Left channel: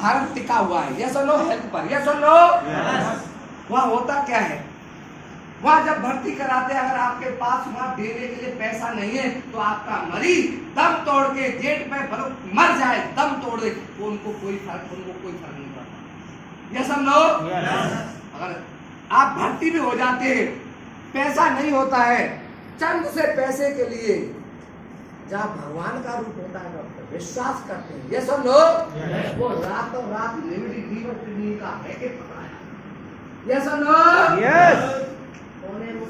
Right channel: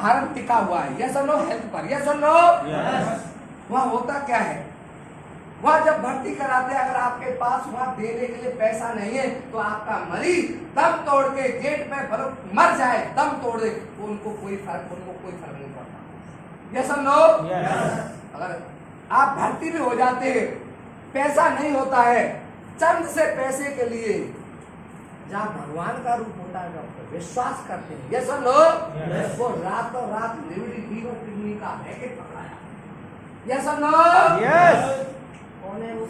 भारत टिका हुआ है। यस और नो हेल्थ पर? यस और नो? वह होता क्या है, वह जब भर्ती कराते हैं, अगर आपके पास वहां देने के लिए पैसा नहीं है तो आपका मरीज दम तोड़ के गेट पे मर जाए, दम तोड़ दे, तो उनको कोई फर्क नहीं पड़ता। यस और नो? अगर आप भर्ती भी हो जाते हैं, पैसा नहीं होता है, चंद से पैसे के लिए जहाँ भगवान का रूप होता है डॉक्टर विश्वास करते हैं। यस और नो? वो रातों रात लिविडी फीवर किडनी का पैकेट पकड़ाया। यस और नो? कौन है वो?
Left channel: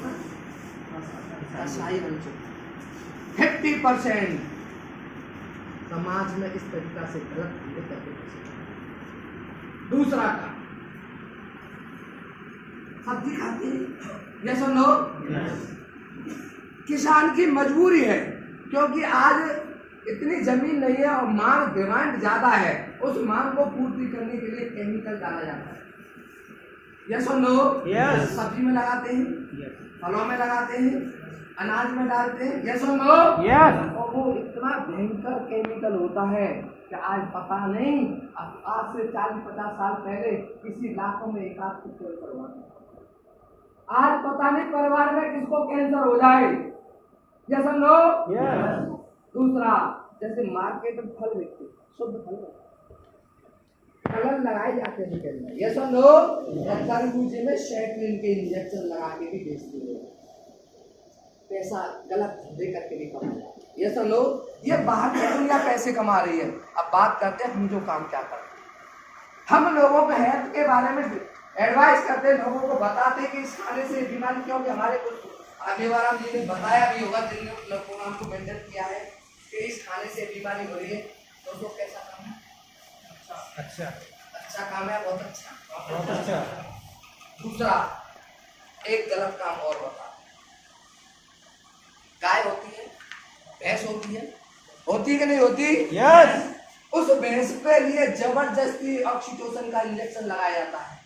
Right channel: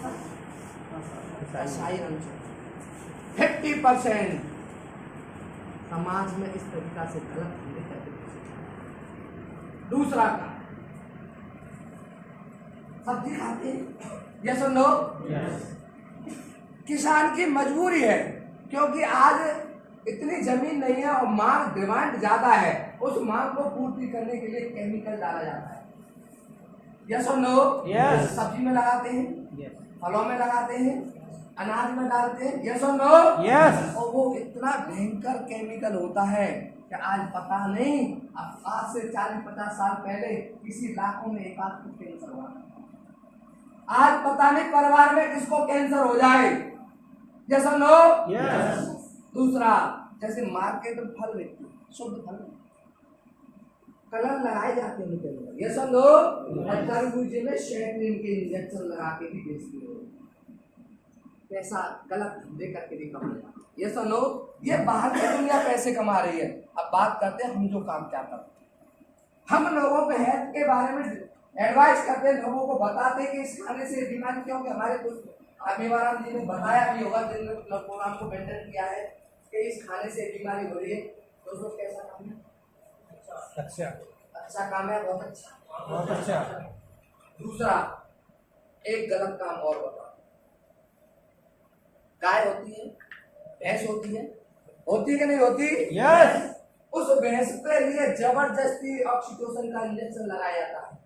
कसाई बन चुके। 50% समाज में इस तरीका से गलत चीजें करते हैं। दूसरा काम, सब्जी खाते हैं। यस और नो? किसान की मजबूरी है, क्योंकि आज इतनी जमीन नहीं है और मांग डिमांड ज्यादा है, उस मांग को पूर्ति करने के लिए केमिकल डाला जाता है। यस और नो? सब्जी में लगाते हैं, फलों में लगाते हैं, अनाज में डालते हैं। यस और नो? और वो इतना भयंकर केमिकल होता है कि आज पता नहीं, आज से 40-50 साल पहले किसी लाखों में एक आध को कैंसर हुआ, आज पता नहीं परिवार में किसको कैंसर हो जाए। यस और नो? दूसरा, जैसे मार्केट में फल बिकते, शुद्ध फल कलर लगाए जाते हैं निकल में। यस और नो? और तरबूजे में शैटलिन के इंजेक्शन लगा के भी बेचते हो, पैसा गलत धंधे करके भी कमा जाता है। यस और नो? ये बाहर की दुनिया पैसे कमा रही है। अब बात करते हैं हम जो काम क्या करते हैं। हम लोगों को हेल्थ के बारे में एडवाइस करते हैं, लोगों को बताते हैं कि इस खाने से बीमारी, क्योंकि हमारे कुछ आगे जी ने बताया भी होगा, जिन प्रोग्राम को मेंटेन किया है कि इस खाने से बीमारी हो रही है। दोस्तों कैसा काम है? अच्छा काम है, बहुत अच्छा। दूसरा, एक गलत काम और बता। गाय होती है, भैंस होती है कि नहीं होती? उस भैंस पे लिए जबरदस्ती ऑक्सीटोसिन का इंजेक्शन लगाया जाता है।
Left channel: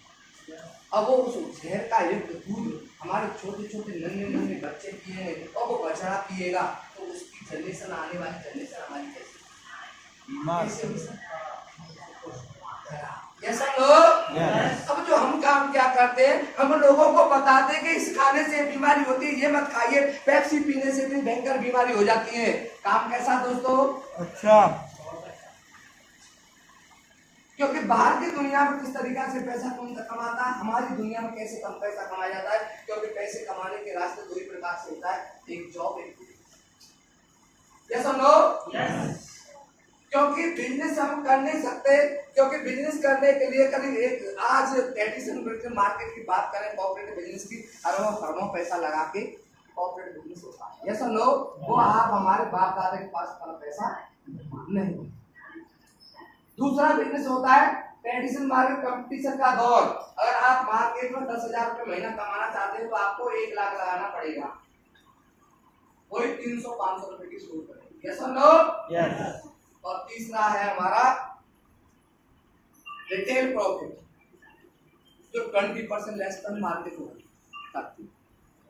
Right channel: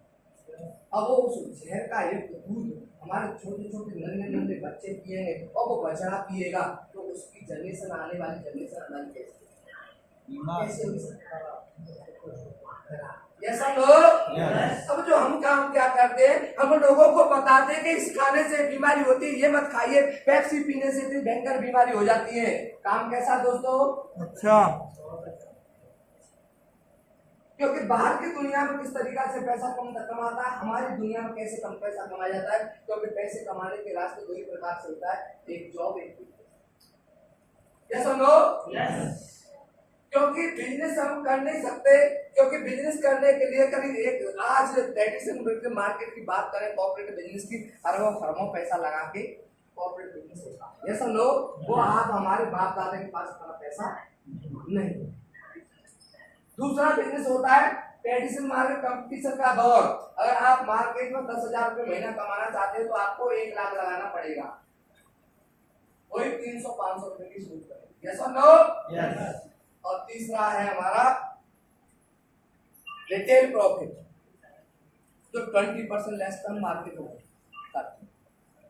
अब वो उस जहर का युक्त दूध हमारे छोटे छोटे नन्हे बच्चे पिएंगे और वो बछड़ा पिएगा, तो उसकी जनरेशन, आने वाली जनरेशन हमारी कैसे हो सकता है? यस और नो? अब जो हम काम क्या करते हैं, हम लोगों को बताते हैं कि इस खाने से बीमारी होती है, ये मत खाइए, पेप्सी पीने से इतनी भयंकर बीमारी हो जाती है। काम कैसा दोस्तों? अच्छा। क्योंकि बाहर की दुनिया में किस तरीका से पैसा कमाता है, हमारी दुनिया में कैसे कम पैसा कमाया जाता है। क्योंकि पैसे कमाने के रास्ते दो ही प्रकार से होता है, एक जॉब, एक बिजनेस। यस और नो? क्योंकि बिजनेस हम कर नहीं सकते, क्योंकि बिजनेस करने के लिए करीब एक आज ट्रेडिशनल मार्केट की बात करें, कॉर्पोरेट बिजनेस की, अरबों पैसा लगा के कॉर्पोरेट बिजनेस होता है। यस और नो? वो आप हमारे बाप दादा के पास इतना पैसा नहीं। दूसरा बिजनेस होता है ट्रेडिशनल मार्केट, कंपटीशन का दौर। अगर आप मार्केट में 10,000 रुपये महीना कमाना चाहते हैं तो आपको 1 लाख लगाना पड़ेगा, वही 300-500 रुपए की सूट करेगी। यस और नो? और तीसरा है हमारा रिटेल प्रॉफिट, जो 20% लेस तक मार्केट होगा।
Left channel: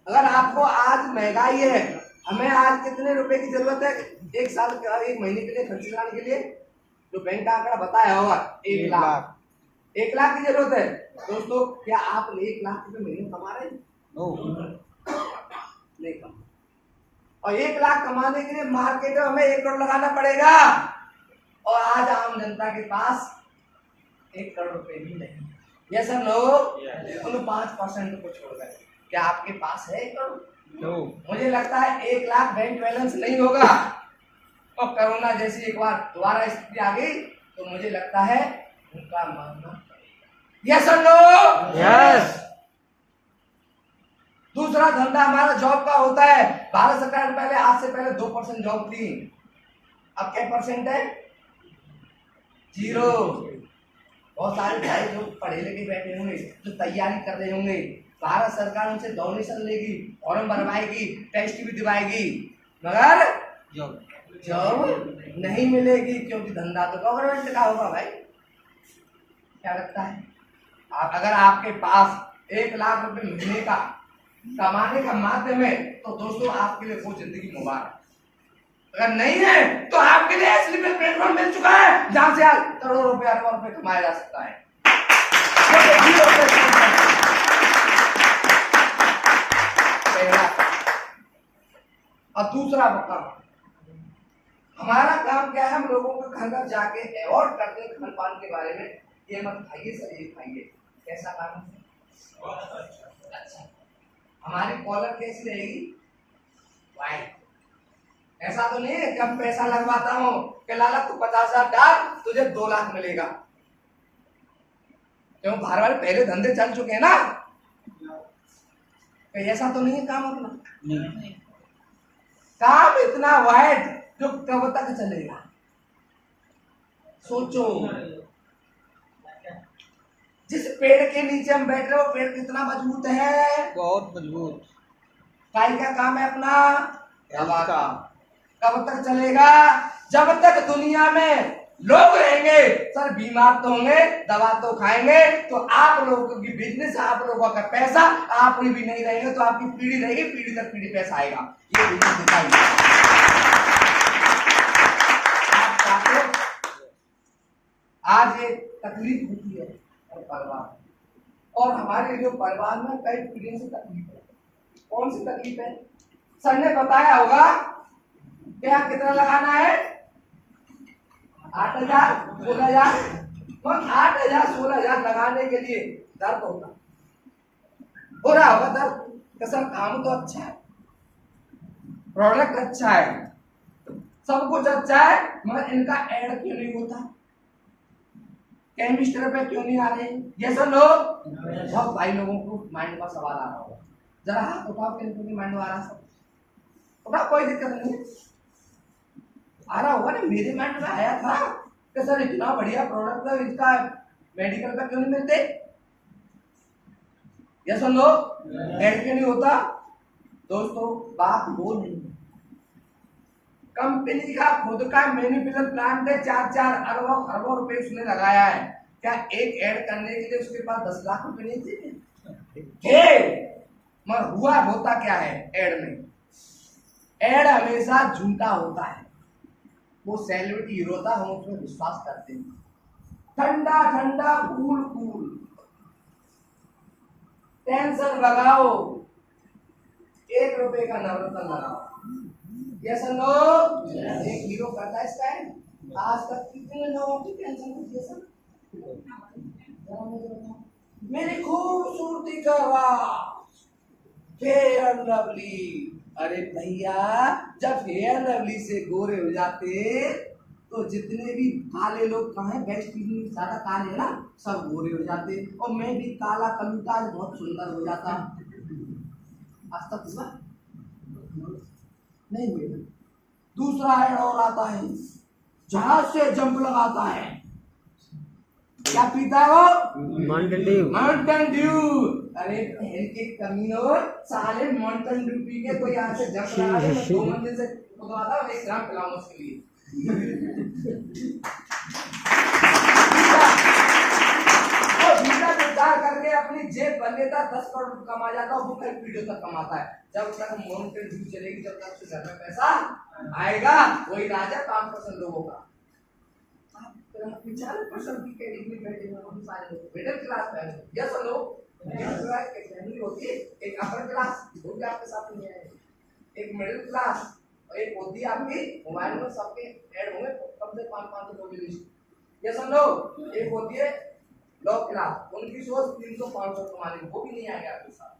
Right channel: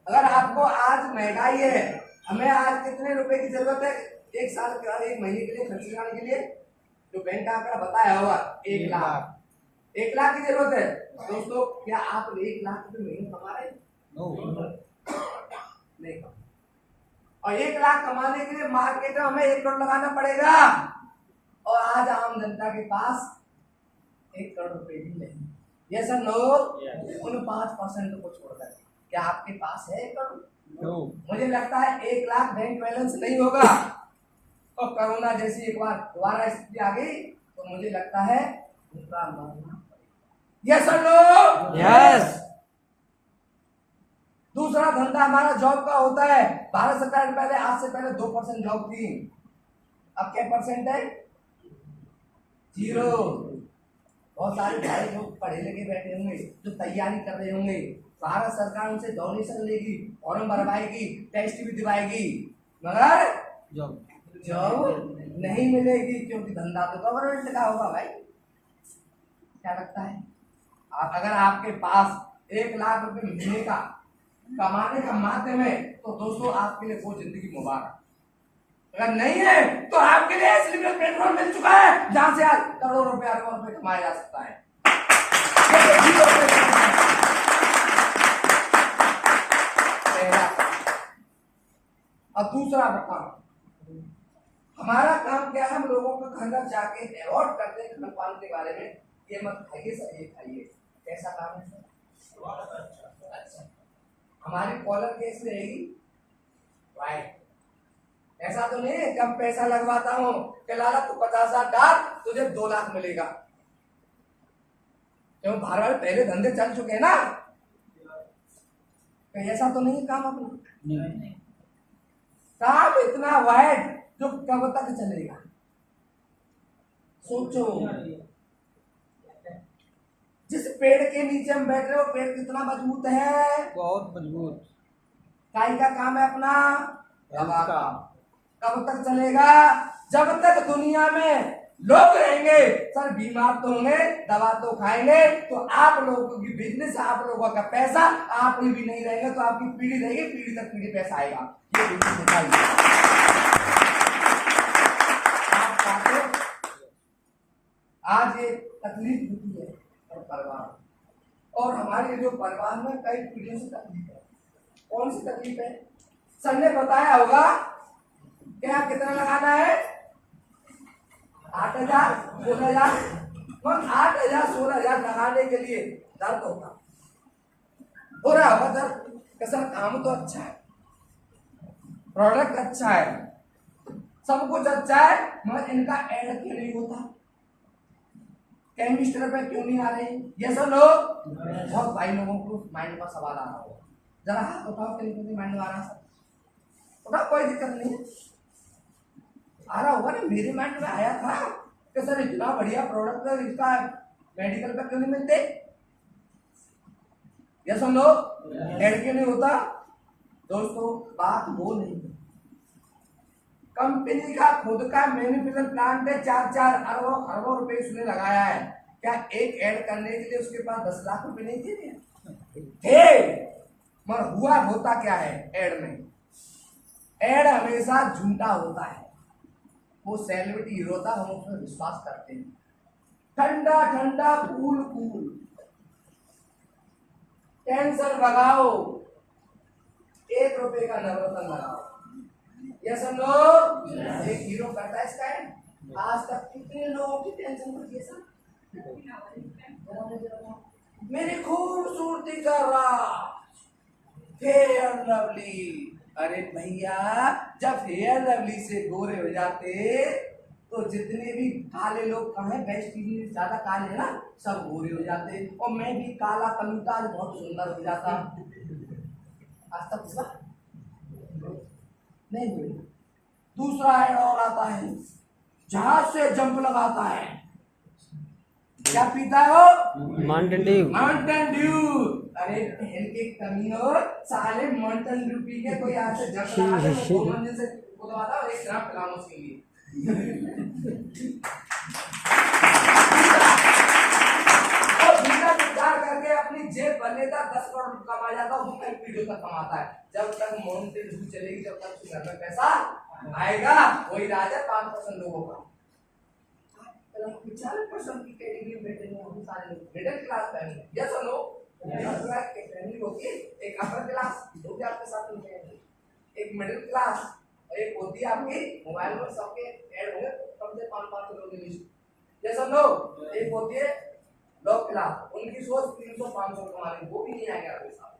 अगर आपको आज महंगाई है, हमें आज कितने रुपए की जरूरत है एक साल के, 1 महीने के लिए खर्च कराने के लिए? जो बैंक का आंकड़ा बताया होगा 1 लाख। 1 लाख की जरूरत है। दोस्तों क्या आप 1 लाख रुपए महीने कमा रहे हैं? नहीं कमा। और 1 लाख कमाने के लिए मार्केट में हमें 1 करोड़ लगाना पड़ेगा, और आज आम जनता के पास 1 करोड़ रुपए भी नहीं। यस और नो? उन 5% को छोड़कर क्या आपके पास है 1 करोड़? मुझे लगता है 1 लाख बैंक बैलेंस नहीं होगा, और कोरोना जैसी एक बार दोबारा स्थिति आ गई तो मुझे लगता है उनका मरना। यस और नो? दूसरा धंधा हमारा जॉब का होता है। भारत सरकार ने पहले, आज से पहले 2% जॉब थी, अब क्या परसेंट है? 0। बहुत सारे भाई लोग पढ़े लिखे बैठे होंगे, जो तैयारी कर रहे होंगे, भारत सरकार उनसे डोनेशन लेगी, फॉर्म भरवाएगी, टेस्ट भी दिवाएगी, मगर जॉब नहीं मिलेगी, क्योंकि धंधा तो गवर्नमेंट का होगा। भाई क्या लगता है? अगर आपके पास 1 लाख रुपए महीने का कमाने का माध्यम है तो दोस्तों आपके लिए वो जिंदगी मुबारक। अगर नहीं है तो आपके लिए स्लीपर प्लेटफॉर्म मिल चुका है जहां से आज करोड़ों रुपए अरबों रुपए कमाया जा सकता है। और दूसरा बता, हमारा काम क्या है? हम लोगों को घर घर जाके अवॉर्ड करते हैं खान पान के बारे में, ये मत खाइए सर, ये खाइए। कैसा काम है? अच्छा, हमारी कॉलर कैसी रहेगी? वाइट। ऐसा तो नहीं है कि हम पैसा लगवाता हूँ कि लाला तू 50,000 डाल तुझे 2 लाख मिलेगा। क्यों? बाहर वाले पहले धंधे चल चुके हैं ना, ऐसा तो नहीं है काम अपना। काम इतना वाइड जो कब तक चलेगा? सोचो, जिस पेड़ के नीचे हम बैठ रहे हो पेड़ कितना मजबूत है? बहुत मजबूत। काई का काम है अपना? दवा का। कब तक चलेगा? जब तक दुनिया में लोग रहेंगे। सर बीमार तो होंगे, दवा तो खाएंगे, तो आप लोगों की बिजनेस, आप लोगों का पैसा, आप भी नहीं रहेंगे तो आपकी पीढ़ी रहेगी, पीढ़ी दर पीढ़ी पैसा आएगा। ये बिजनेस दिखाइए। आज ये तकलीफ होती है परिवार, और हमारे जो परिवार में कई पीढ़ियों से तकलीफ है। कौन सी तकलीफ है? सर ने बताया होगा क्या कितना लगाना है? 8,000, 16,000। 8,000 16,000 लगाने के लिए दर्द होता हो रहा होगा दर्द। सर काम तो अच्छा है, प्रोडक्ट अच्छा है, सब कुछ अच्छा है, मगर इनका एड क्यों नहीं होता? केमिस्ट्री पे क्यों नहीं आ रहे? ये सब लोग बहुत भाई लोगों को माइंड में सवाल आ रहा होगा। जरा हाथ उठाओ, किन माइंड में आ रहा है? उठाओ, कोई दिक्कत नहीं है। आ रहा होगा ना, मेरे माइंड में आया था कि सर इतना बढ़िया प्रोडक्ट है, इसका मेडिकल पे क्यों नहीं मिलते? ये सुन लो, एड क्यों नहीं होता? दोस्तों बात वो नहीं है, कंपनी का खुद का मैन्युफैक्चर प्लांट है, 4-4 अरबों रुपए उसने लगाया है। क्या एक ऐड करने के लिए उसके पास 10 लाख रुपए नहीं थे? मगर हुआ होता क्या है ऐड में? ऐड हमेशा झूठा होता है। वो सेलिब्रिटी हीरो था, हम उसमें विश्वास करते हैं। ठंडा ठंडा कूल कूल, टेंशन भगाओ, 1 रुपए का नवरत्न लगाओ। Yes no? एक हीरो करता है इसका है। आज तक कितने लोगों की टेंशन होती है सर? मेरी खूबसूरती का राज फेयर एंड लवली। अरे भैया, जब फेयर लवली से गोरे हो जाते तो जितने भी काले लोग कहाँ हैं, वेस्ट इंडीज ज्यादा काले है ना, सब गोरे हो जाते। और मैं भी काला कलूटा बहुत सुंदर हो जाता। आज तक इस बार नहीं हुई। दूसरा ऐड और आता है, जहाज से जंप लगाता है। क्या पीता है वो? Mountain Dew. Mountain Dew. अरे पहन के कमीनो, साले माउंटेन ड्यू पी के कोई यहाँ से जंप लगा दे, मैं 2 मंजिल से उतरवाता हूँ, 1 ग्राम पिलाऊं उसके लिए। करके अपनी जेब भर लेता, 10 करोड़ कमा जाता, वो कई पीढ़ियों तक कमाता है। जब तक माउंटेन ड्यू चलेगी, जब तक उसके घर में पैसा आएगा। वही राज है 5% लोगों का। 40% की कैटेगरी में बैठे हैं हम सारे लोग, मिडिल क्लास फैमिली। यस और नो? मिडिल क्लास की फैमिली होती है, एक अपर क्लास, दो भी आपके साथ नहीं आएंगे, एक मिडिल क्लास, और एक होती है आपकी मोबाइल में सबके ऐड होंगे कम से 500 लोगों की लिस्ट। यस और नो? एक होती है लो क्लास, उनकी सोच 300-500 कमाने, वो भी नहीं आएंगे आपके साथ।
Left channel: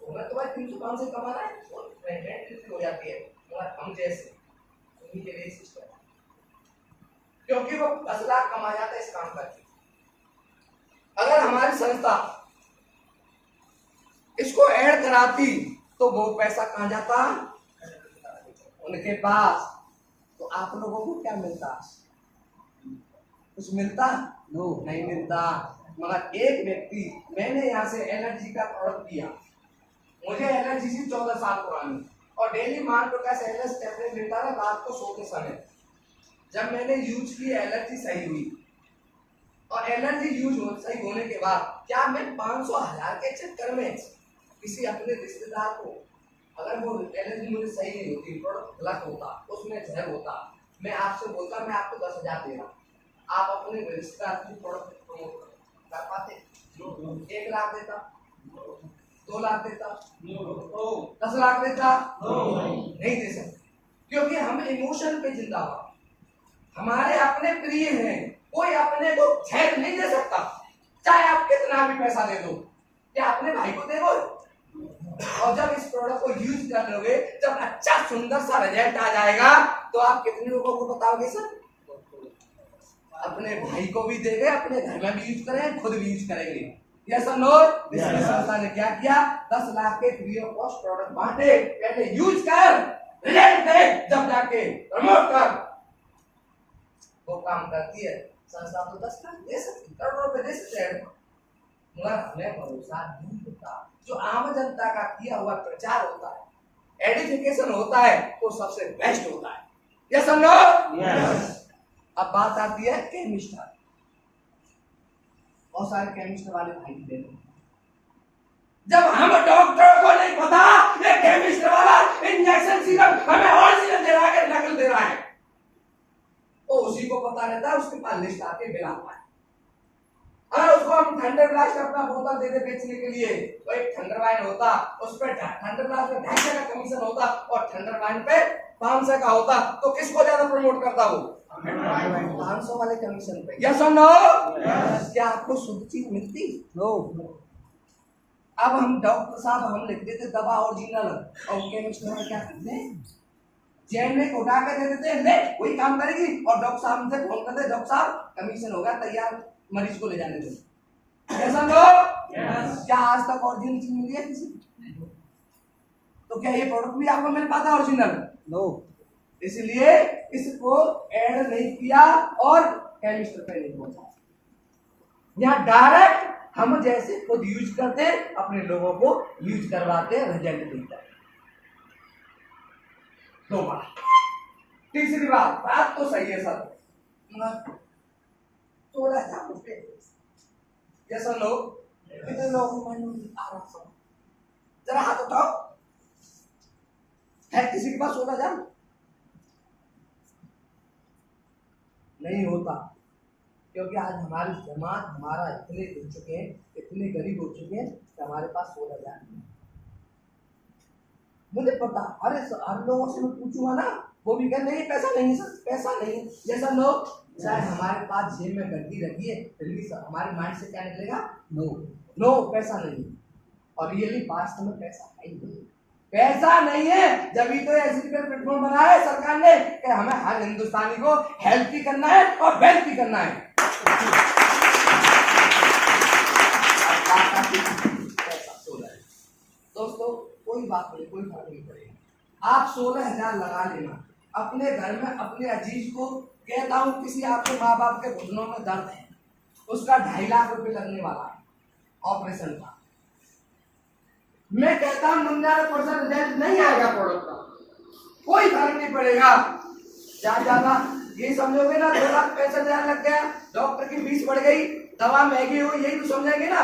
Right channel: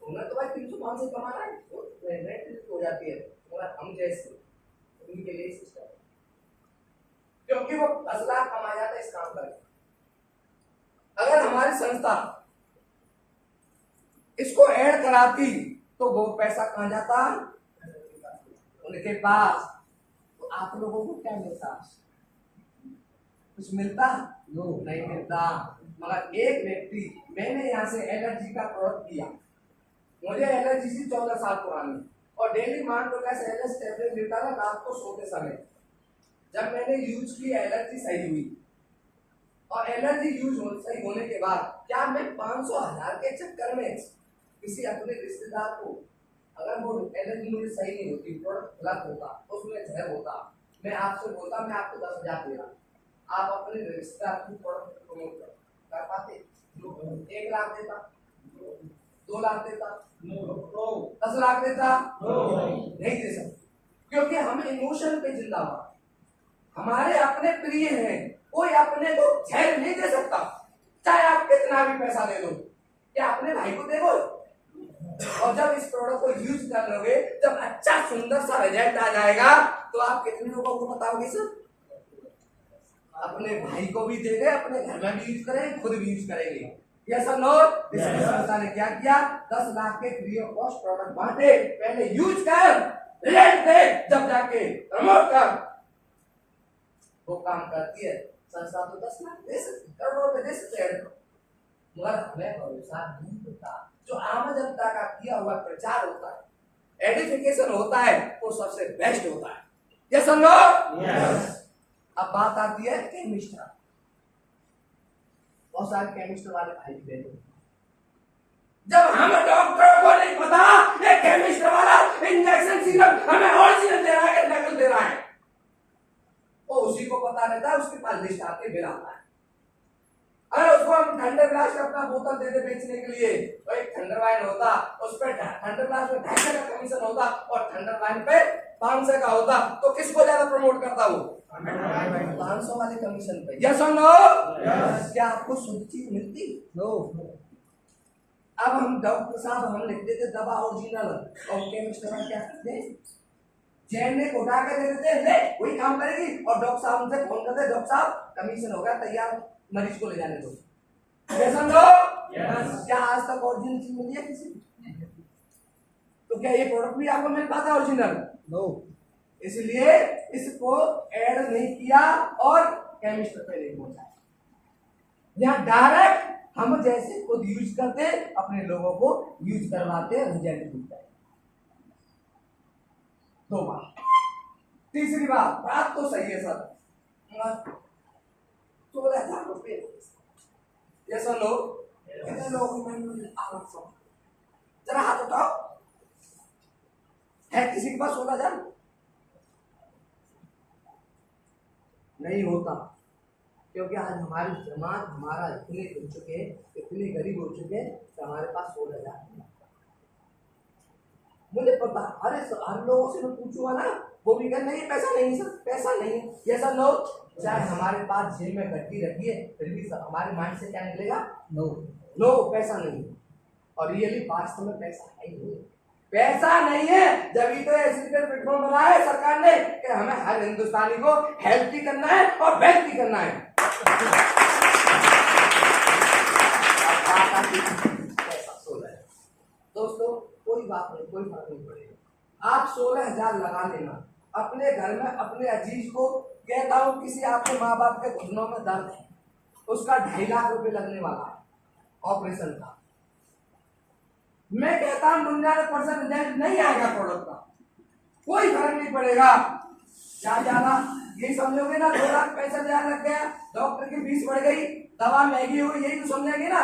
उन्हें तो भाई 300-500 कमाना है, हो जाती है। मगर हम जैसे उन्हीं के लिए सिस्टम, क्योंकि वो 10 लाख कमा जाता है इस काम करके। अगर हमारी संस्था इसको ऐड कराती तो वो पैसा कहाँ जाता? उनके पास। तो आप लोगों को क्या मिलता? कुछ मिलता? नो, नहीं मिलता। मगर एक व्यक्ति, मैंने यहाँ से एलर्जी का प्रोडक्ट दिया, मुझे एलर्जी थी 14 साल पुरानी, और डेली मान लो कैसे एलर्जी टैबलेट लेता था रात को सोते समय। जब मैंने यूज की एलर्जी सही हुई, और एलर्जी सही होने के बाद क्या मैं 500-1000 के चक्कर में किसी अपने रिश्तेदार को अगर वो एलर्जी मुझे सही नहीं होती, प्रोडक्ट गलत होता, उसमें जहर होता, मैं आपसे बोलता मैं आपको 10,000 दे रहा हूँ, आप अपने रजिस्ट्रार की प्रोडक्ट प्रमोट कर पाते? 1 लाख देता, 2 लाख देता, 10 लाख देता? नहीं दे सकते, क्योंकि हम इमोशन पे जिंदा हुआ, हमारे अपने प्रिय हैं, कोई अपने को जहर नहीं दे सकता, चाहे आप कितना भी पैसा दे दो। क्या अपने भाई को देगो? और जब इस प्रोडक्ट को यूज कर लोगे, जब अच्छा सुंदर सा रिजल्ट आ जाएगा, तो आप कितने लोगों को बताओगे? सर, अपने भाई को भी देंगे, अपने घर में भी यूज करेंगे, खुद भी यूज करेंगे। यस और नो? संस्था ने क्या किया? 10 लाख के फ्री ऑफ कॉस्ट प्रोडक्ट बांटे, पहले यूज कर, रिजल्ट देख, जब जाके प्रमोट कर। वो काम करती है संस्था, तो 10 लाख दे सकती, करोड़ों रुपए दे सकते हैं, मगर हमें भरोसा नहीं होता। जो आम जनता का किया हुआ प्रचार होता है, एडिफिकेशन होता है, वो सबसे बेस्ट होता है। यस और नो? अब बात आती है केमिस्ट, बहुत सारे केमिस्ट वाले भाई देखो, जब हम डॉक्टर को नहीं पता ये केमिस्ट वाला इंजेक्शन सिरप हमें ओरिजिनल दे रहा है, नकल दे रहा है, वो उसी को पता रहता है, उसके पास लिस्ट आके बिल आता है। अगर उसको हम थंडर ब्लास्ट अपना बोतल दे दे बेचने के लिए, तो एक थंडर वाइन होता, उस पे थंडर ब्लास्ट में 250 का कमीशन होता और थंडर वाइन पे 500 का होता, तो किसको ज्यादा प्रमोट करता वो? 500 वाले कमीशन पे। यस और नो? क्या आपको शुद्ध चीज मिलती? नो। अब हम डॉक्टर साहब हम लिख देते दवा ओरिजिनल, और केमिस्ट वाले क्या करते हैं? चैन में उठा के दे देते हैं, ले वही काम करेगी, और डॉक्टर साहब हमसे फोन करते, डॉक्टर साहब कमीशन होगा, तैयार, मरीज को ले जाने दो। कैसा लोग? क्या आज तक ओरिजिनल चीज मिली है किसी? तो क्या ये प्रोडक्ट भी आपको मिल पाता है ओरिजिनल? नो। इसलिए इसको ऐड नहीं किया और केमिस्ट पे नहीं पहुंचा। यहाँ डायरेक्ट हम जैसे खुद यूज करते, अपने लोगों को यूज करवाते, रिजल्ट मिलता है। 2 बात। तीसरी बात तो सही है सर, 16,000 रुपये। ये सब लोग कितने लोग जरा हाथ उठाओ, है किसी के पास 16,000? नहीं होता, क्योंकि आज हमारी जमात हमारा इतने हो चुके हैं, इतने गरीब हो चुके हैं कि हमारे पास 16,000 नहीं। मुझे पता, अरे हर लोगों से मैं पूछूंगा ना, वो भी कहते नहीं पैसा नहीं सर, पैसा नहीं। ये सब लोग चाहे हमारे पास जेब में गड्डी रखी है, फिर भी हमारे माइंड से क्या निकलेगा? नो, नो पैसा नहीं। और रियली वास्तव में पैसा है ही नहीं, पैसा नहीं है। जब ही तो ऐसी प्लेटफॉर्म बनाया है सरकार ने कि हमें हर हिंदुस्तानी को हेल्थी करना है और वेल्थी करना है। दोस्तों कोई बात नहीं, कोई फर्क नहीं पड़ेगा, आप 16,000 लगा लेना अपने घर में अपने अजीज को। कहता हूं किसी आपके माँ बाप के घुटनों में दर्द है, उसका 2.5 लाख रुपए लगने वाला है ऑपरेशन का। मैं कहता हूं 99% रिजल्ट नहीं आएगा प्रोडक्ट का, कोई फर्क नहीं पड़ेगा। ज्यादा ये समझोगे ना 2,65,000 लग गया, डॉक्टर की फीस बढ़ गई, दवा महंगी हुई, यही तो समझेंगे ना।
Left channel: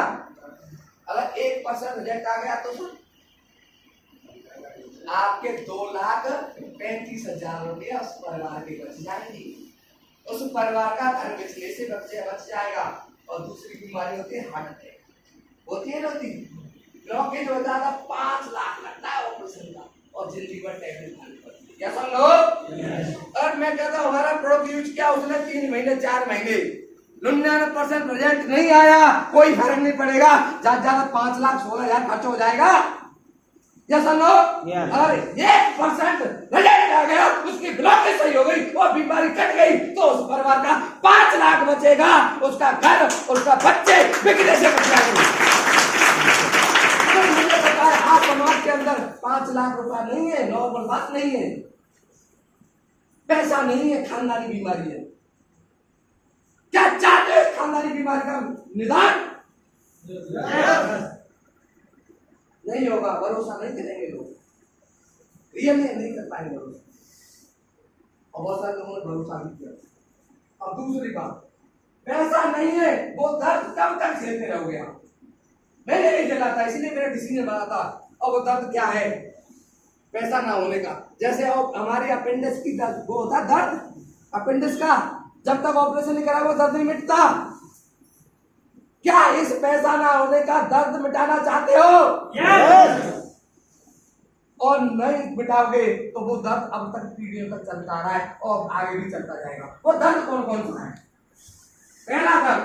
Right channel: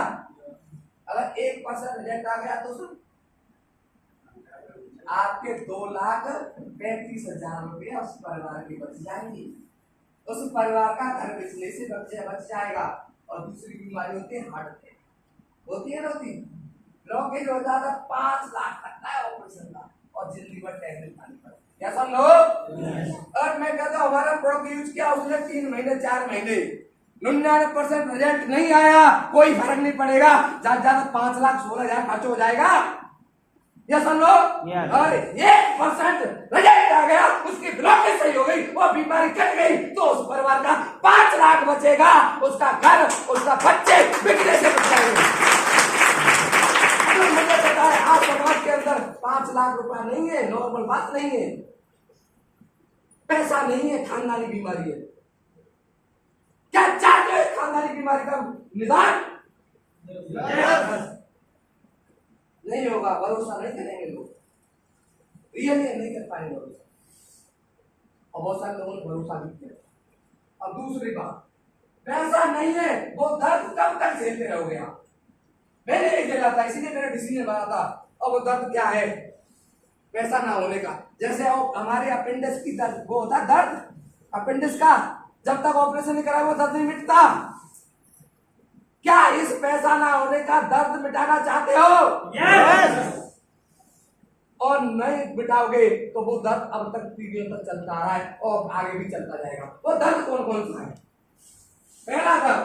अगर 1% रिजल्ट आ गया तो आपके 2,35,000 रुपया उस परिवार के बच जाएंगे। उस परिवार का घर बिजली से बच जाएगा। और दूसरी बीमारी होती है हार्ट अटैक, होती है होती ब्लॉकेज हो जाता, 5 लाख लगता है ऑपरेशन का, और जिंदगी भर टैबलेट खानी पड़ती है। क्या समझो? और मैं कहता हूँ हमारा प्रोडक्ट यूज किया उसने 3 महीने 4 महीने, 99% रिजल्ट नहीं आया, कोई फर्क नहीं पड़ेगा। ज्यादा 5 लाख 16,000 खर्च हो जाएगा। यस और नो? अरे 1% रिजल्ट आ गया, उसकी ब्लॉकेज सही हो गई, वो बीमारी कट गई, तो उस परिवार का 5 लाख बचेगा, उसका घर, उसका बच्चे बिकने से बच जाएंगे। मुझे पता है आज समाज के अंदर 5 लाख रुपया नहीं है, नॉर्मल बात नहीं है, पैसा नहीं है, खानदानी बीमारी है। क्या चाहते हो खानदानी बीमारी का निदान? नहीं होगा, भरोसा नहीं करेंगे लोग, रियली नहीं कर पाएंगे भरोसा। और बहुत सारे लोगों ने भरोसा भी किया। अब दूसरी बात, पैसा नहीं है, वो दर्द कब तक झेलते रहोगे आप? मैंने नहीं झेला था, इसीलिए मेरा डिसीजन बना था। और वो दर्द क्या है? पैसा ना होने का। जैसे हमारे अपेंडिक्स की दर्द, वो होता है दर्द अपेंडिक्स का, जब तक ऑपरेशन नहीं करा वो दर्द नहीं मिटता। क्या इस पैसा ना होने का दर्द मिटाना चाहते हो? यस। और नहीं मिटाओगे तो वो दर्द अब तक पीढ़ियों तक चलता रहा है और आगे भी चलता जाएगा। वो दर्द कौन कौन सा है? पहला दर्द,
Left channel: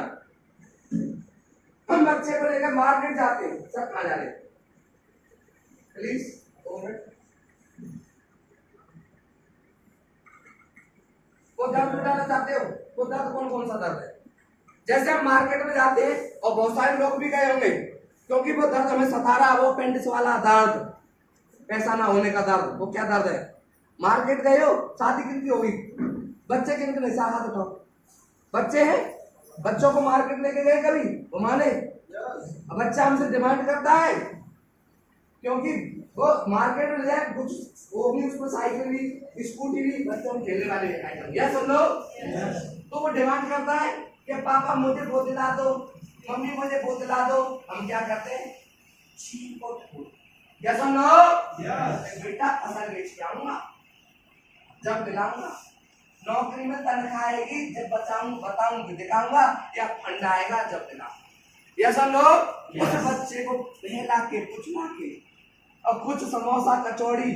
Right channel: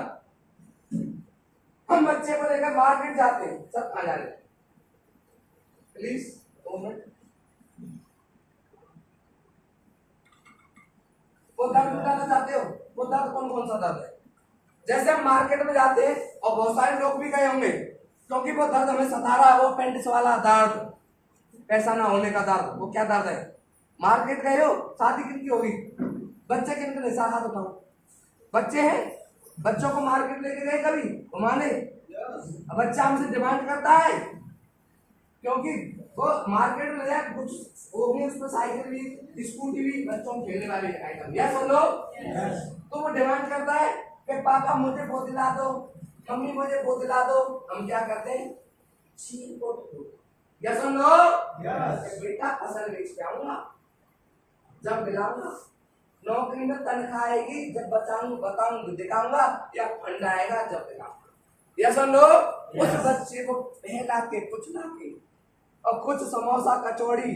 हम बच्चे को लेकर मार्केट जाते हैं, सब खा जा रहे, प्लीज 2 मिनट। वो दर्द मिटाना चाहते हो? वो दर्द कौन कौन सा दर्द है? जैसे हम मार्केट में जाते हैं और बहुत सारे लोग भी गए होंगे, क्योंकि वो दर्द हमें सता रहा है, वो अपेंडिक्स वाला दर्द, पैसा ना होने का दर्द। वो क्या दर्द है? मार्केट गए हो, शादी कितनी होगी, बच्चे कितने, हाथ उठाओ, बच्चे हैं, बच्चों को मार्केट लेके गए कभी घुमाने? अब बच्चा हमसे डिमांड करता है, क्योंकि वो मार्केट में जाए कुछ वो भी, उसमें साइकिल भी, स्कूटी भी, बच्चों को खेलने वाले आइटम, यस और नो? तो वो डिमांड करता है कि पापा मुझे वो दिला दो, मम्मी मुझे वो दिला दो। हम क्या करते हैं? छीन को यस और नो? बेटा फसल बेच के आऊंगा, जब दिलाऊंगा, नौकरी में तनख्वाह आएगी जब बताऊंगी दिखाऊंगा, या फंड आएगा जब दिलाऊंगा। यस और नो? उस बच्चे को बहला के पुछला के और कुछ समोसा कचौड़ी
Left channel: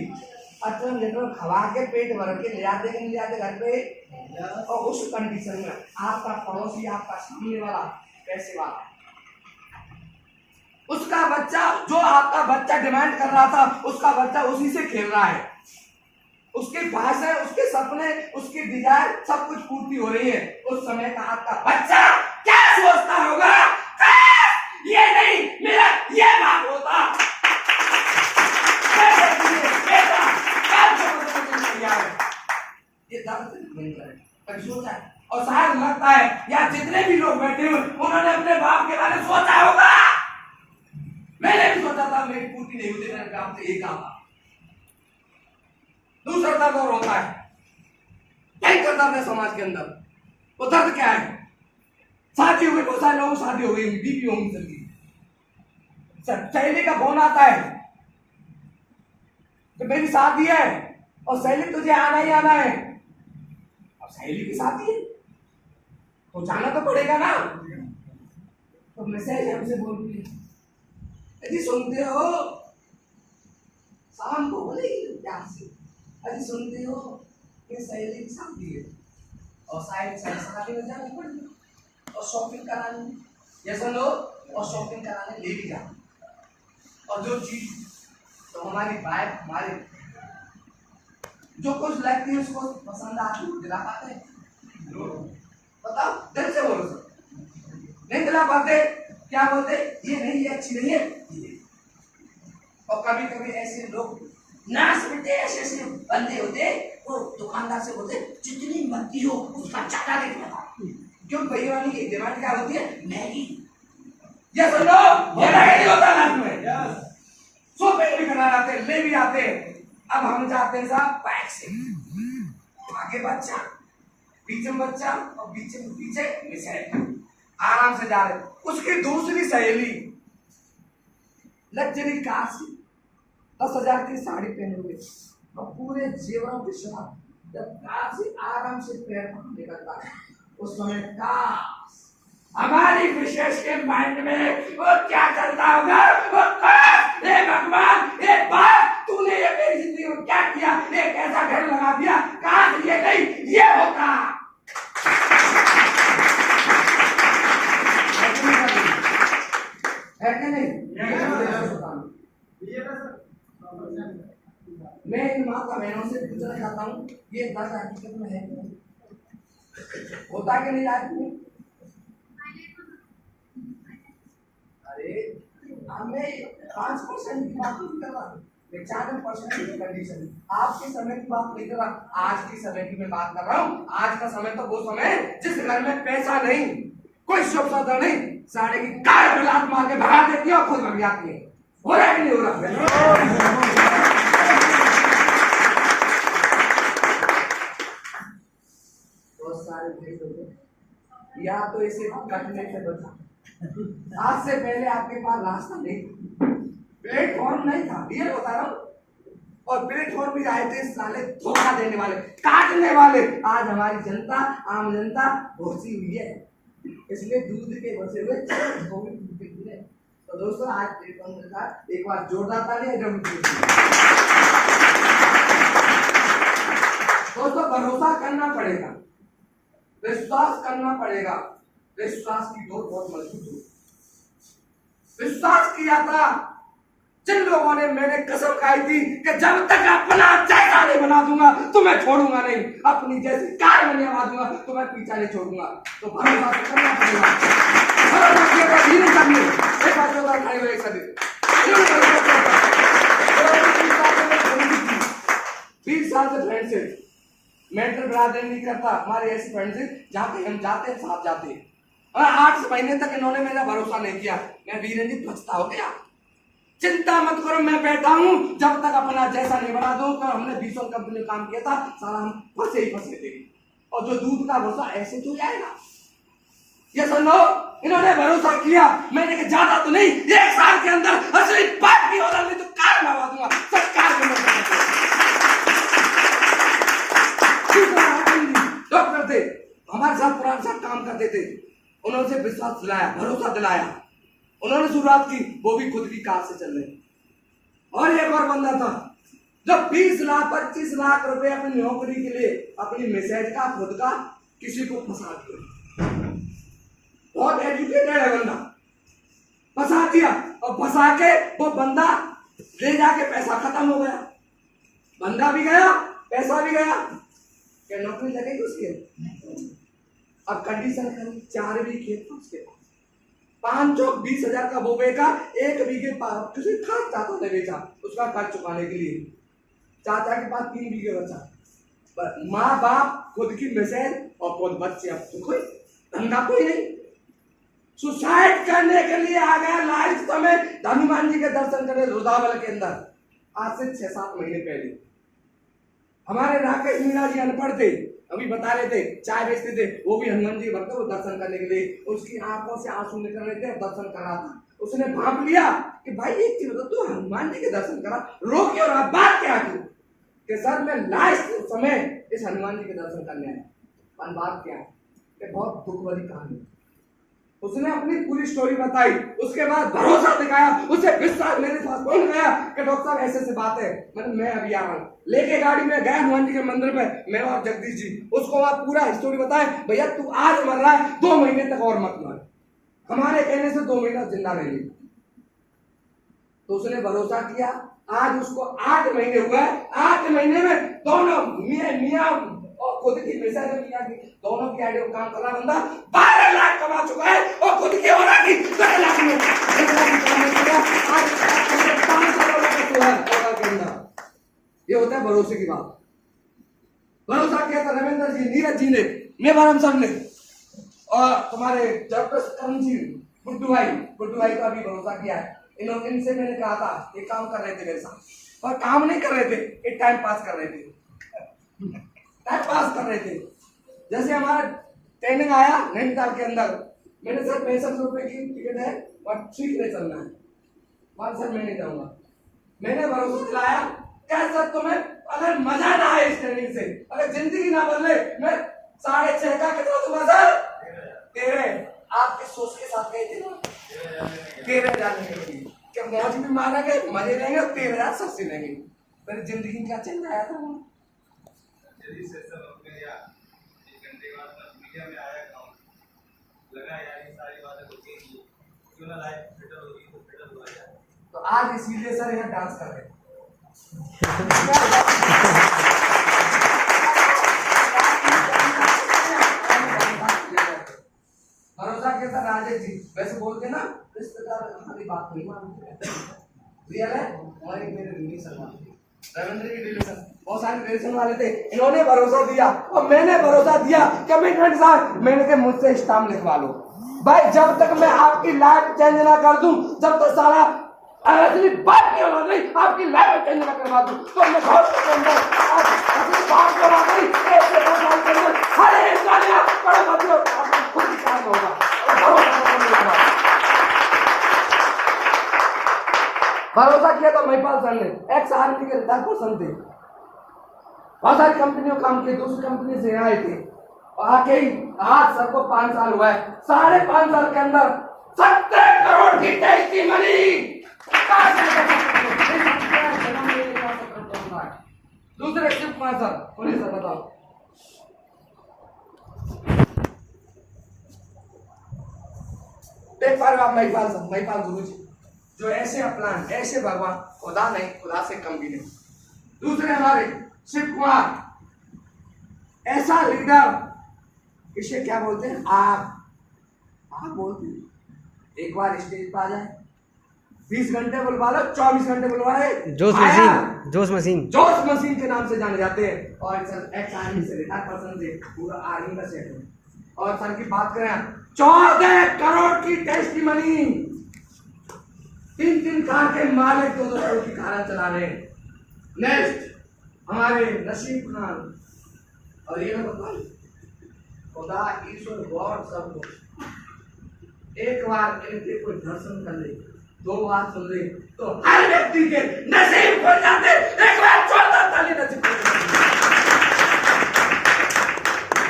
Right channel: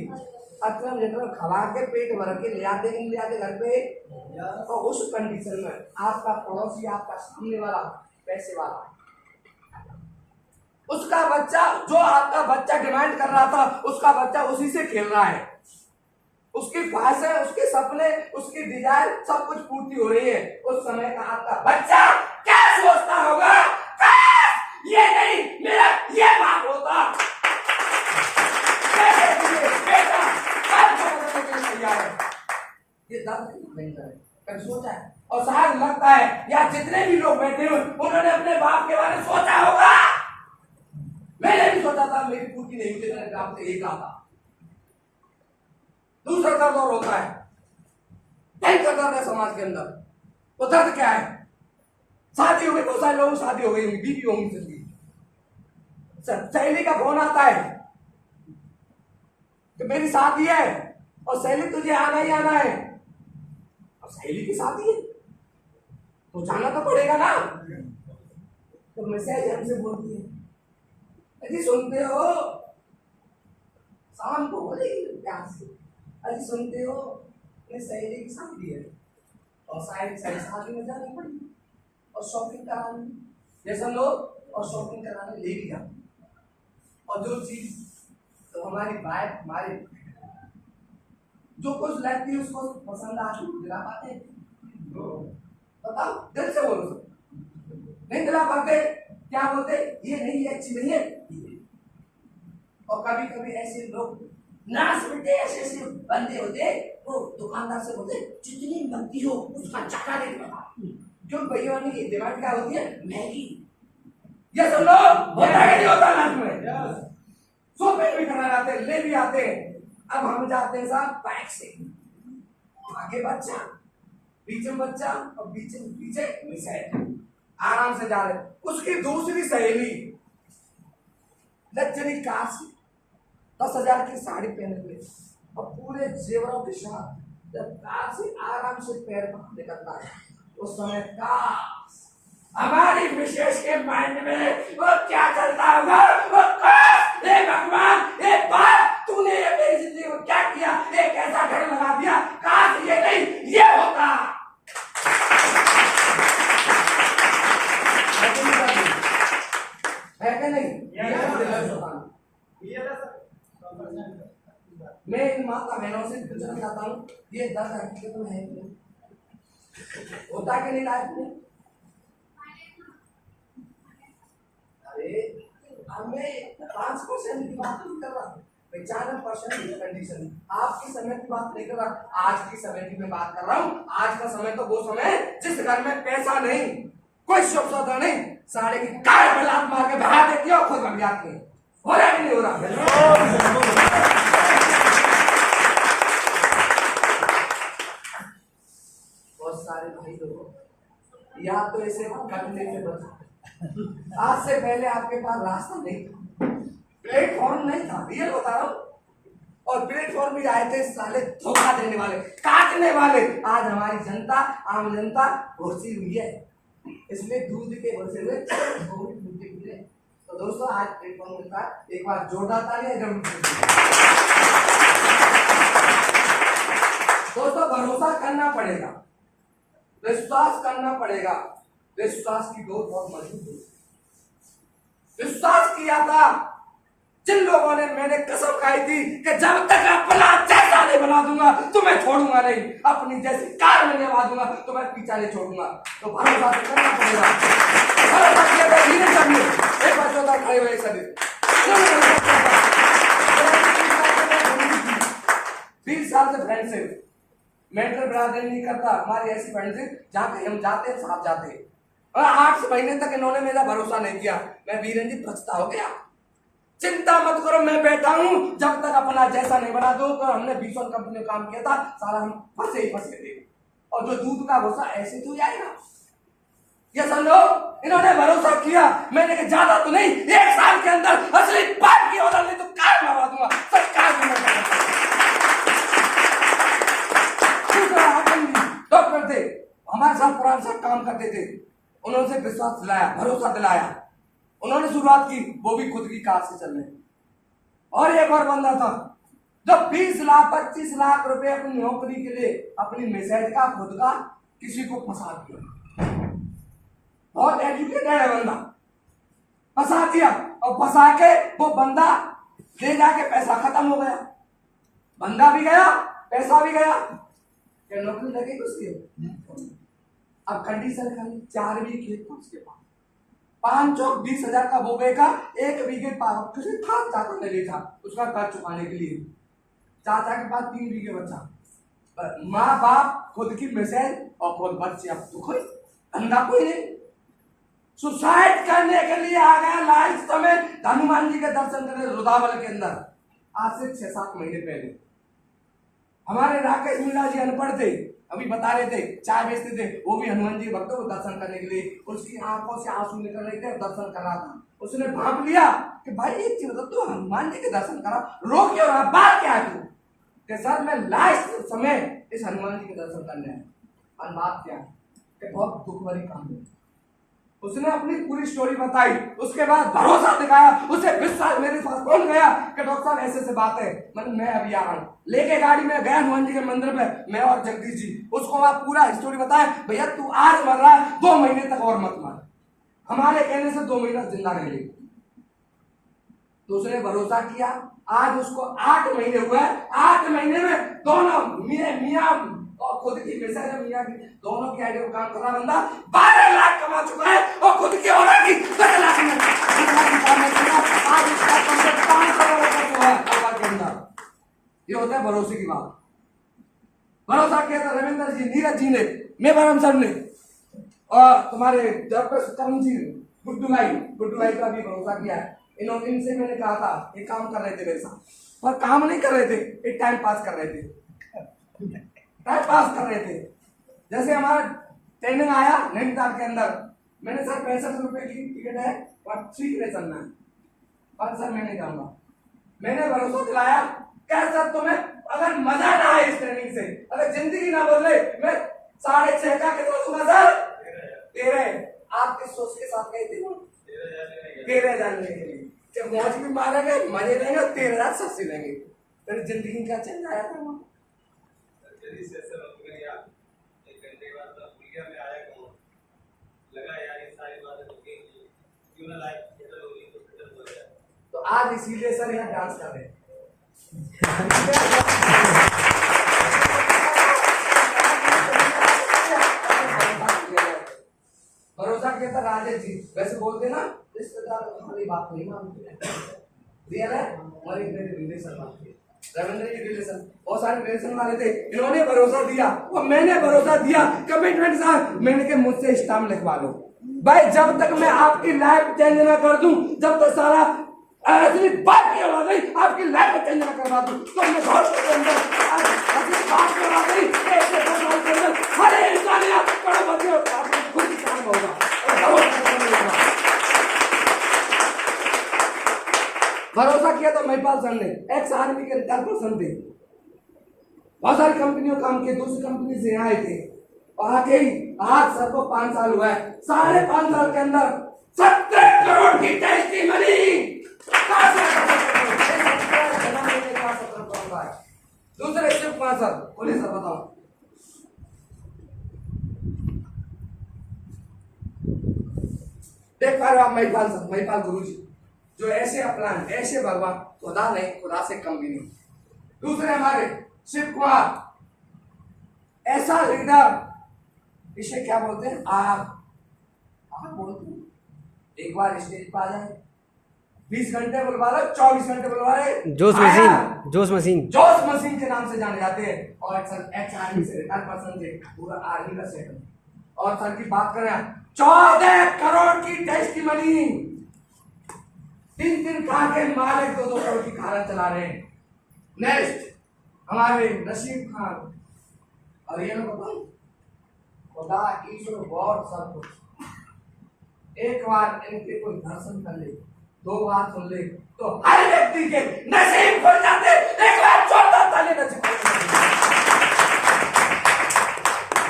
अटरम जटरम खवा के पेट भर के ले आते घर पे। और उस कंडीशन में आपका पड़ोसी, आपका सामने वाला पैसे वाला, उसका बच्चा, जो आपका बच्चा डिमांड कर रहा था, उसका बच्चा उसी से खेल रहा है, उसकी ख्वाहिशें, उसके सपने, उसकी डिजायर सब कुछ पूर्ति हो रही है। उस समय का आपका बच्चा क्या सोचता होगा? ये नहीं, मेरा ये बाप होता, ये दर्द नहीं करे, कभी सोचा है? और शायद लगता है या जितने भी लोग बैठे हुए उन्होंने अपने बाप के बारे में सोचा होगा। मैंने भी सोचा था, मेरी पूर्ति नहीं होती, मेरे बाप से एक आता। दूसरा दर्द और होता है, भयंकर दर्द है समाज के अंदर। वो दर्द क्या है? शादी हो गई, बहुत सारे लोगों शादी हो गई, बीवी होंगी सबकी, सहेली का फोन आता है कि मेरी शादी है और सहेली तुझे आना ही आना है। अब सहेली की शादी है तो जाना तो पड़ेगा ना। तो मैसेज हमसे बोलती है, अजी सुनते हो, शाम को बोलेगी प्यार से, अजी सुनते हो ये सहेली की शादी है और शायद शादी में जाना पड़ेगा और शॉपिंग कराने, ये सुन लो, और शॉपिंग कराने ले भी जाओ, और जो चीज तो हमारी वाइफ, हमारे जो कुछ लगती है उसको पसंद आती है, दिला पाते? बताओ, दिल से बोलो, नहीं दिला पाते? क्या बोलते? ये नहीं, ये अच्छी नहीं है। और कभी कभी ऐसे लोग नाश मिलते, ऐसे बंदे होते, वो दुकानदार से बोलते जितनी बनती हो उसका ज्यादा रेट बता, क्यों? भैया वाली की डिमांड क्या होती है? मैगी। ये सुन लो, होता लाइफ में, सोफे भी बना लाते, ले भी आते। अब हम जाते हैं साहब बैक से, आगे बच्चा, पीछे बच्चा और पीछे मिसाइल, आराम से जा रहे। उसकी दूसरी सहेली लग्जरी कार से 10,000 की साड़ी पहने हुए और पूरे जेवरों के साथ जब कार से आराम से पैर पकड़ निकलता है, उस समय काश हमारी विशेष के माइंड में वो क्या चलता होगा? वो काश, हे भगवान, हे बाप, तूने ये मेरी जिंदगी में क्या किया? ये कैसा घर लगा दिया? काश ये नहीं, ये होता। है कि नहीं? मैं इन माता बहनों से पूछना चाहता हूँ, ये दर्द हकीकत में है कि नहीं? होता कि नहीं लाइफ में? अरे हमें 5% की बात नहीं कर रहा, 95% की कंडीशन। आपके समय की बात नहीं कर रहा, आज की समय की मैं बात कर रहा हूँ। आज का समय तो वो समय जिस घर में पैसा नहीं, कोई शुभ सौदा नहीं, साढ़े की कार में लात मार के भगा देती है और खुद भग जाती है। हो रहा है कि नहीं हो रहा? बहुत सारे भाई लोगों या तो इसे कटने से बचा, आज से पहले आपके पास रास्ता नहीं था, प्लेटफॉर्म नहीं था, ये बता रहा हूँ, और प्लेटफॉर्म भी आए थे साले धोखा देने वाले, काटने वाले। आज हमारी जनता, आम जनता भरोसी हुई है, इसलिए दूध के भरोसे हुए वो भी दूध के पी रहे। तो दोस्तों आज प्लेटफॉर्म मिलता है, एक बार जोरदार तालियां जरूर दीजिए। दोस्तों भरोसा करना पड़ेगा, विश्वास करना पड़ेगा। विश्वास की डोर बहुत मजबूत है। विश्वास किया था जिन लोगों ने, मैंने कसम खाई थी कि जब तक अपना जैसा नहीं बना दूंगा तो मैं छोड़ूंगा नहीं, अपनी जैसी कार में नहीं बना दूंगा तो मैं पीछा नहीं छोड़ूंगा। तो भरोसा करना पड़ेगा। भरोसा किया था धीरे करने एक बार जोरदार खड़े हुए सभी 20 साल से फ्रेंडशिप, मेंटल ब्रादर नहीं करता। हमारी ऐसी फ्रेंडशिप जहाँ पे हम जाते हैं साथ जाते हैं, और 8 महीने तक इन्होंने मेरा भरोसा नहीं किया। मैं बीरंजित बचता हो गया। चिंता मत करो, मैं बैठा हूं जब तक अपना जैसा नहीं बना दूं। तो हमने 20 कंपनी में काम किया था, सारा हम फंसे ही फंसे थे। और जो दूध का भरोसा ऐसे तो जाएगा। ये सुनो, इन्होंने भरोसा किया, मैंने कहा ज्यादा तो नहीं, 1 साल के अंदर असली बात की ऑर्डर नहीं तो कार मंगवा दूंगा, सब कार डॉक्टर थे हमारे साथ, पुराने साथ काम करते थे। उन्होंने विश्वास दिलाया, भरोसा दिलाया, उन्होंने शुरुआत की, वो भी खुद की कार से चल रहे। और एक और बंदा था जो 20 लाख 25 लाख रुपए अपनी नौकरी के लिए, अपनी मैसेज का, खुद का, किसी को फंसा दिया। बहुत एजुकेटेड है बंदा, फंसा दिया। और फंसा के वो बंदा ले जाके पैसा खत्म हो गया, बंदा भी गया, पैसा भी गया। क्या नौकरी लगेगी उसके? अब कंडीशन खाली 4 बीघे खेत था उसके पास, 5 चौक 20,000 का वो बेचा, 1 बीघे किसी खास चाचा ने बेचा उसका कर्ज चुकाने के लिए। चाचा के पास 3 बीघे बचा। माँ बाप, खुद की मिसेज और खुद बच्चे, अब तो कोई धंधा कोई नहीं। सुसाइड करने के लिए आ गया लास्ट समय हनुमान जी के दर्शन करने रुदावल के अंदर, आज से 6-7 महीने पहले। हमारे राकेश मीणा जी अनपढ़ थे, अभी बता रहे थे, चाय बेचते थे, वो भी हनुमान जी भक्त को दर्शन करने के लिए, उसकी आंखों से आंसू निकल रहे थे, दर्शन कर रहा था। उसने भांप लिया कि भाई एक चीज बता, तू हनुमान जी के दर्शन करा, रो क्यों रहा, बात क्या है तू? कि सर मैं लास्ट समय इस हनुमान जी के दर्शन करने आया। बात क्या है कि बहुत दुख भरी कहानी। उसने अपनी पूरी स्टोरी बताई, उसके बाद भरोसा दिखाया, उसे विश्वास, मेरे पास फोन गया कि डॉक्टर साहब ऐसे से बात है, मैं अभी आ रहा हूँ। लेके गाड़ी में गया हनुमान जी के मंदिर पे, मैं और जगदीश जी, उसको आप पूरा स्टोरी बताए, भैया तू आज मर रहा है, 2 महीने तक और मत मर, हमारे कहने से 2 महीना जिंदा रह ले। तो उसने भरोसा किया। आज उसको 8 महीने हुए, 8 महीने में दोनों मियां और खुद की मिसेज मियां की, दोनों की आइडिया काम कर रहा बंदा 12 लाख कमा चुका है, और खुद की औलाद की 12 लाख में आज उसका 5 करोड़ है। ये होता है भरोसे की बात। भरोसा किया था रविंद्र जी, नीरज जी ने, मेवाराम सर ने, और तुम्हारे डॉक्टर करण जी, गुड्डू भाई का भी भरोसा किया है। इनसे मैंने कहा था, ये काम कर रहे थे मेरे साथ, पर काम नहीं कर रहे थे, एक टाइम पास कर रहे थे, जैसे हमारा ट्रेनिंग आया नैनीताल के अंदर, मैंने सर 65 रुपए की टिकट है और सीखने चलना है, पर सर मैं नहीं जाऊंगा। मैंने भरोसा दिलाया, क्या सर तुम्हें अगर मजा ना आए इस ट्रेनिंग से, अगर जिंदगी ना बदले, मैं 6.5 का कितना दूंगा सर? 13। आपके सोच के साथ गए थे ना, 13,000 लेंगे, क्या मौज भी मारेंगे, मजे लेंगे, 13,000 सस्ती लेंगे। मेरी जिंदगी क्या चल रहा है? तो आज इसीलिए सर यहाँ डांस कर रहे हैं। भरोसा किया था राजेश जी, वैसे बोलते ना रिश्तेदार हमारी बात नहीं मानते, रियल है। हमारे मेरे रिलेशन वाले रविंद्र की रिलेशन, बहुत सारे रिलेशन वाले थे, इन्होंने भरोसा दिया और मैंने भरोसा दिया, कमिटमेंट साथ। मैंने कहा मुझसे स्टाम्प लिखवा लो भाई, जब तक मैं आपकी लाइफ चेंज ना कर दूं, जब तक सारा ऐसी बात नहीं होगा, नहीं आपकी लाइफ चेंज ना करवा दूं, तो मैं घर के अंदर बात करवा गई, हर इंसान अपना खुद ही काम होगा। भरोसा किया था महिपाल सर ने, एक्स आर्मी के रिटायर्ड पर्सन थे, बहुत सारी कंपनियों काम किए, दूसरी कंपनी से आए थे और आके ही आज सर को 5 साल हुआ है, 5.5 साल के अंदर 70 करोड़ की टेस्टिमनी दूसरे सिर्फ 5 साल बोलिए सर बताओ। देख पा रहे हो आप महिपाल सर, महिपाल गुरुजी जो ऐसे अपना ऐसे भगवान खुदा नहीं, खुदा से कम भी नहीं। दूसरे हमारे शिव कुमार, ऐसा लीडर, इसे क्या बोलते हैं, आग बोलते हैं। एक बार स्टेज पर आ जाए 20 घंटे बुलवा लो, 24 घंटे बुलवा ले, जोश मशीन के नाम से जाने जाते हैं। और एक्स आर्मी से रिटायर्ड पर्सन से पूरा आर्मी का सेट है। और सर की बात करें 14 करोड़ की टेस्टिमनी, 3 कार के मालिक 2 करोड़ की कारें चला रहे हैं। नेक्स्ट हमारे नसीब खान, और ये मैं बताऊं खुदा ईश्वर गॉड सब कुछ एक बार इनके कोई दर्शन कर ले, 2 बार सुन ले तो हर व्यक्ति के नसीब खुल जाते। एक बार जोरदार ताली नसीब